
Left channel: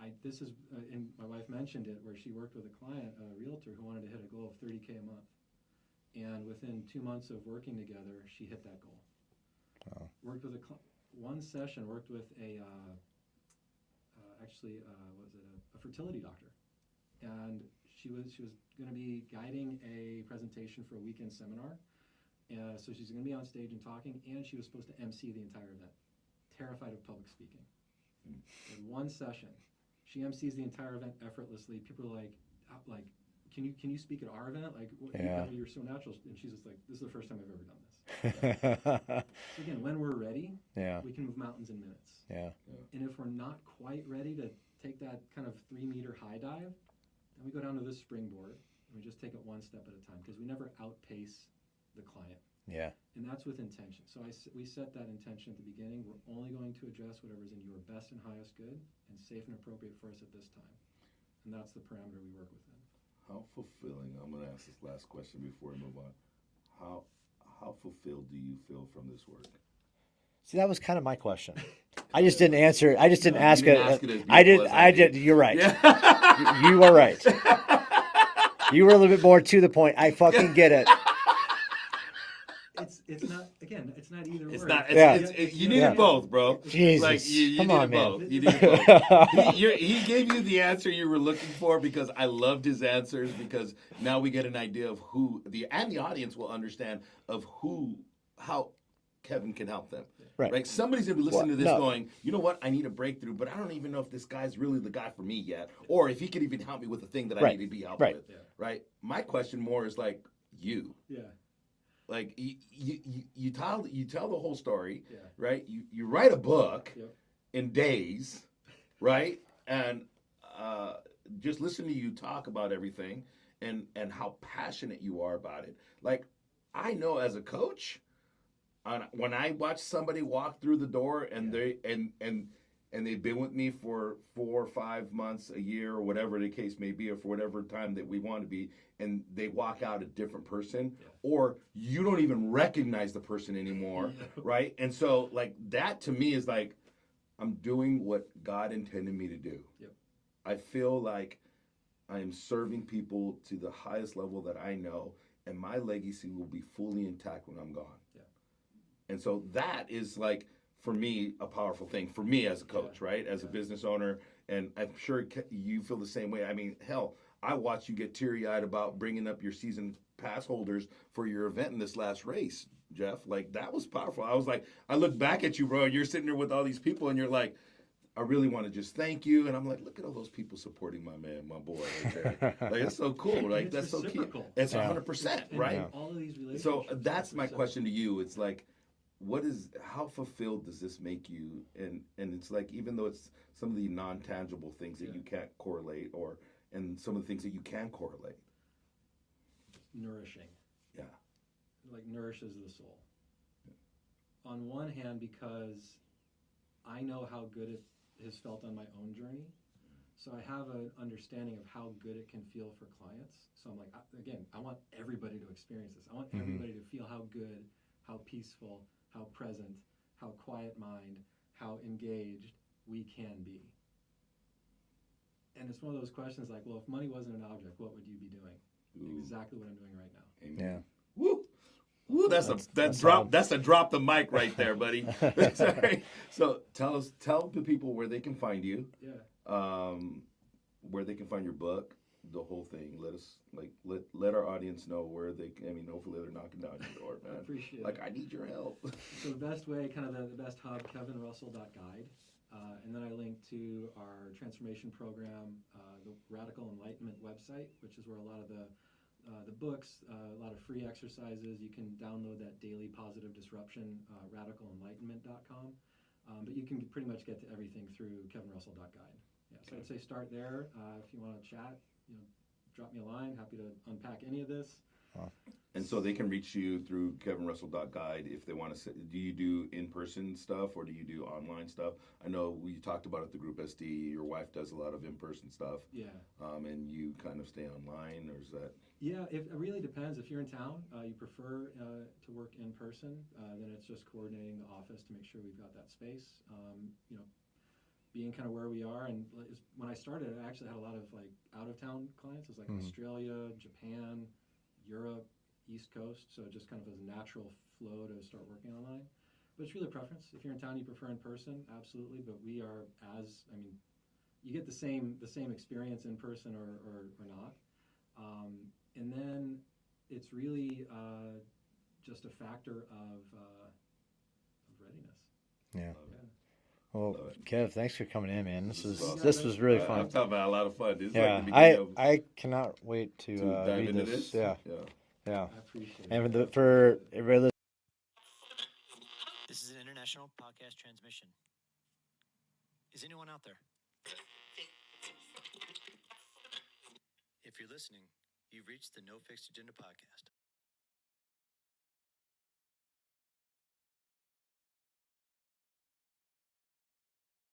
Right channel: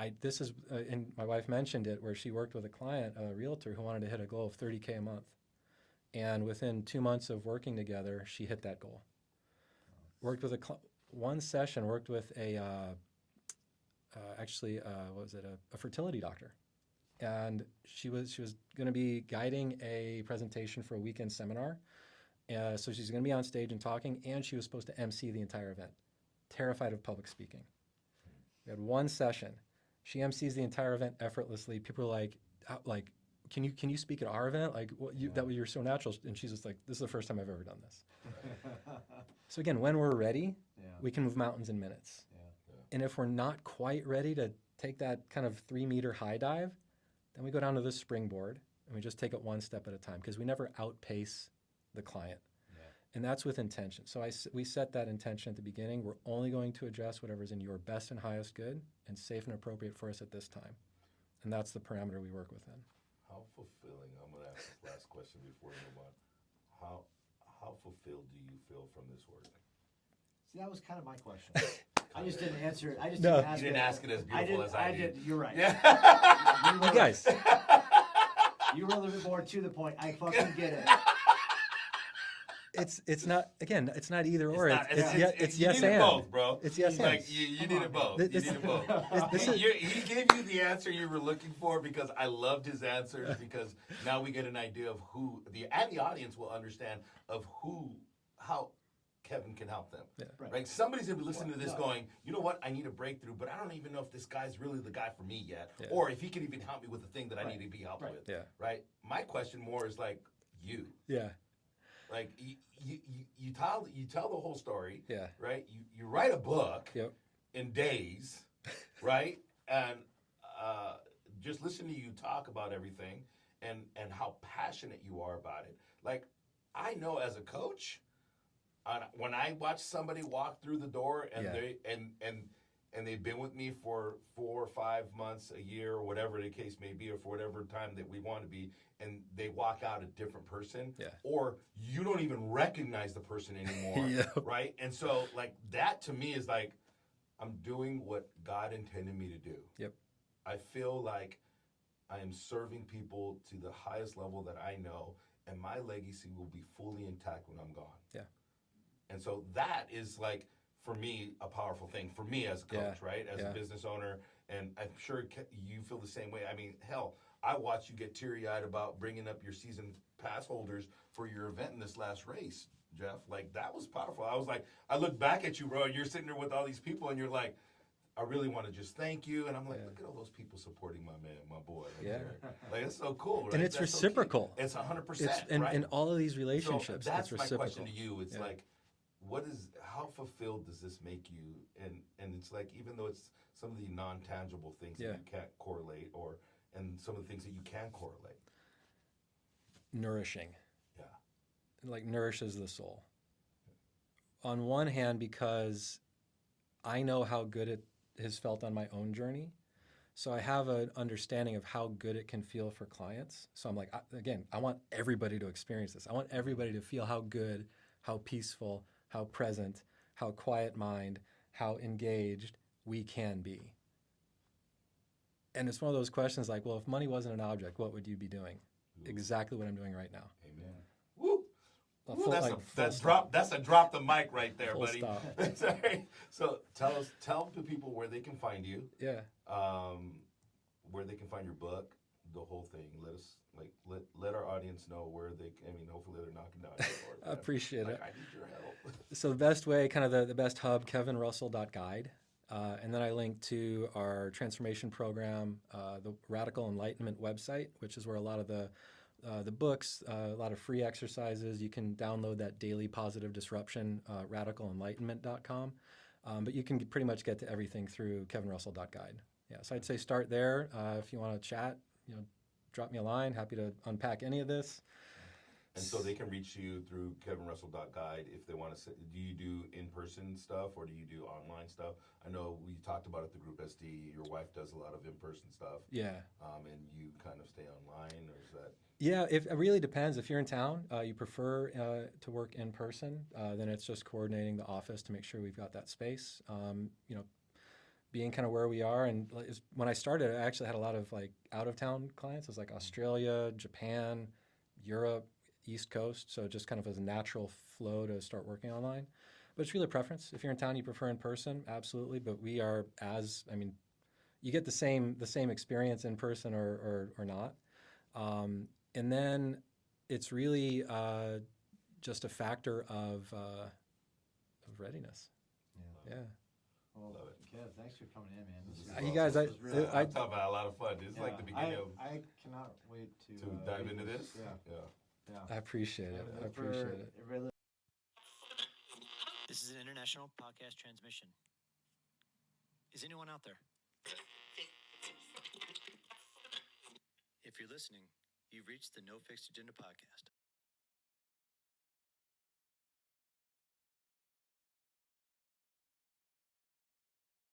And my wife mentioned it, where she worked with a client, a realtor, who wanted to hit a goal of $30K a month. And within 2 months of working together, she hit that goal. Wow. Worked with one session, worked with what was it, a fertility doctor. And she was going to be guiding a presentation for a weekend seminar. So she's going to be on stage and talking, and she was supposed to MC the entire event. Terrified of public speaking. We had one session. She MCs the entire event effortlessly. People are like, can you speak at our event? Like, you're so natural. And she's just like, this is the first time I've ever done this. So again, when we're ready, we can move mountains in minutes. Yeah. And if we're not quite ready to take that kind of 3-meter high dive, then we go down to the springboard and we just take it one step at a time, because we never outpace the client. Yeah. And that's with intention. So we set that intention at the beginning. We're only going to address whatever's in your best and highest good and safe and appropriate for us at this time. And that's the parameter we work within. How fulfilling, I'm going to ask this last question before we move on. How fulfilled do you feel from this work? See, that was kind of my question. I just didn't answer. I just didn't ask you it. didn't ask it as I beautiful did. as I did. You're right. Yeah. You were right. You were a little bit more to the point. I fucking get it. It's not, again, it's not either or. You need it both, bro. Jesus. Like, you Come need on, it man. both. You need it both. He gave you the answer you were looking for, because I loved his answers, because now we get an idea of the audience will understand of how Kevin can help them. Yeah. Right. Like, somebody's gonna be listening to this no. going, you know what, I need a breakthrough, but I don't even know if this guy's really the guy for me yet, Yeah. or if he could even help me with the thing that I Right. need to be helped Right. with. Yeah. Right. My question more is like you. Yeah. Like you tell the whole story. Yeah. Right. You write a book. Yep. In days, right? And just listen to you talk about everything and how passionate you are about it. Like, I know as a coach, when I watch somebody walk through the door and they've been with me for 4 or 5 months, a year, or whatever the case may be, or for whatever time that we want to be, and they walk out a different person, or you don't even recognize the person anymore, right? And so, like, that to me is like, I'm doing what God intended me to do. Yep. I feel like I am serving people to the highest level that I know, and my legacy will be fully intact when I'm gone. Yeah. And so that is, like, for me, a powerful thing for me as a coach, right? As a business owner, and I'm sure you feel the same way. I mean, hell, I watched you get teary-eyed about bringing up your season pass holders for your event in this last race, Jeff. Like, that was powerful. I was like, I look back at you, bro, and you're sitting there with all these people, and you're like, I really want to just thank you. And I'm like, look at all those people supporting my man, my boy. Right there. Like, it's so cool. And Like, it's that's reciprocal. So it's 100%, right? In all of these relationships. So that's my question to you. It's Yeah. like, how fulfilled does this make you? And it's like, even though it's some of the non-tangible things that you can't correlate, and some of the things that you can correlate. Nourishing. Yeah. Like, nourishes the soul. On one hand, because I know how good it has felt on my own journey. So I have an understanding of how good it can feel for clients. So I'm like, I want everybody to experience this. I want everybody to feel how good, how peaceful, how present, how quiet mind, how engaged we can be. And it's one of those questions like, well, if money wasn't an object, what would you be doing? Ooh. Exactly what I'm doing right now. Amen. Yeah. Woo. Woo, that's a drop the mic right there, buddy. Sorry. So tell the people where they can find you. Yeah. Where they can find your book, the whole thing. Let our audience know where they can. I mean, hopefully they're knocking down your door. I appreciate it. I need your help. So the best way, kind of the best hub, kevinrussell.guide. And then I link to our transformation program, the Radical Enlightenment website, which is where a lot of the books, a lot of free exercises. You can download that daily positive disruption, radicalenlightenment.com. But you can pretty much get to everything through kevinrussell.guide. Yeah, so I'd say start there. If you want to chat, drop me a line. Happy to unpack any of this. Wow. And so they can reach you through kevinrussell.guide if they want to. Do you do in-person stuff or do you do online stuff? I know we talked about it at the group SD. Your wife does a lot of in-person stuff. Yeah. And you kind of stay online, or is that? Yeah, it really depends. If you're in town, you prefer to work in person, then it's just coordinating the office to make sure we've got that space. Being kind of where we are, and when I started, I actually had a lot of like out-of-town clients. It was like Australia, Japan, Europe, East Coast, so just kind of as a natural flow to start working online. But it's really a preference. If you're in town, you prefer in person, absolutely. But we are I mean, you get the same experience in person or not. And then it's really just a factor of readiness. Yeah. Yeah. Well, Kev, thanks for coming in, man. This was You guys, this was really Yeah, fun. I'm talking about a lot of fun. This is Yeah, like the beginning of I cannot wait to dive read into this. this. Yeah, Yeah. yeah. I appreciate And it. for I appreciate it. everybody This is an international podcast transmission. Is anyone out there? If you're listening, you've reached the No Fixed Agenda podcast.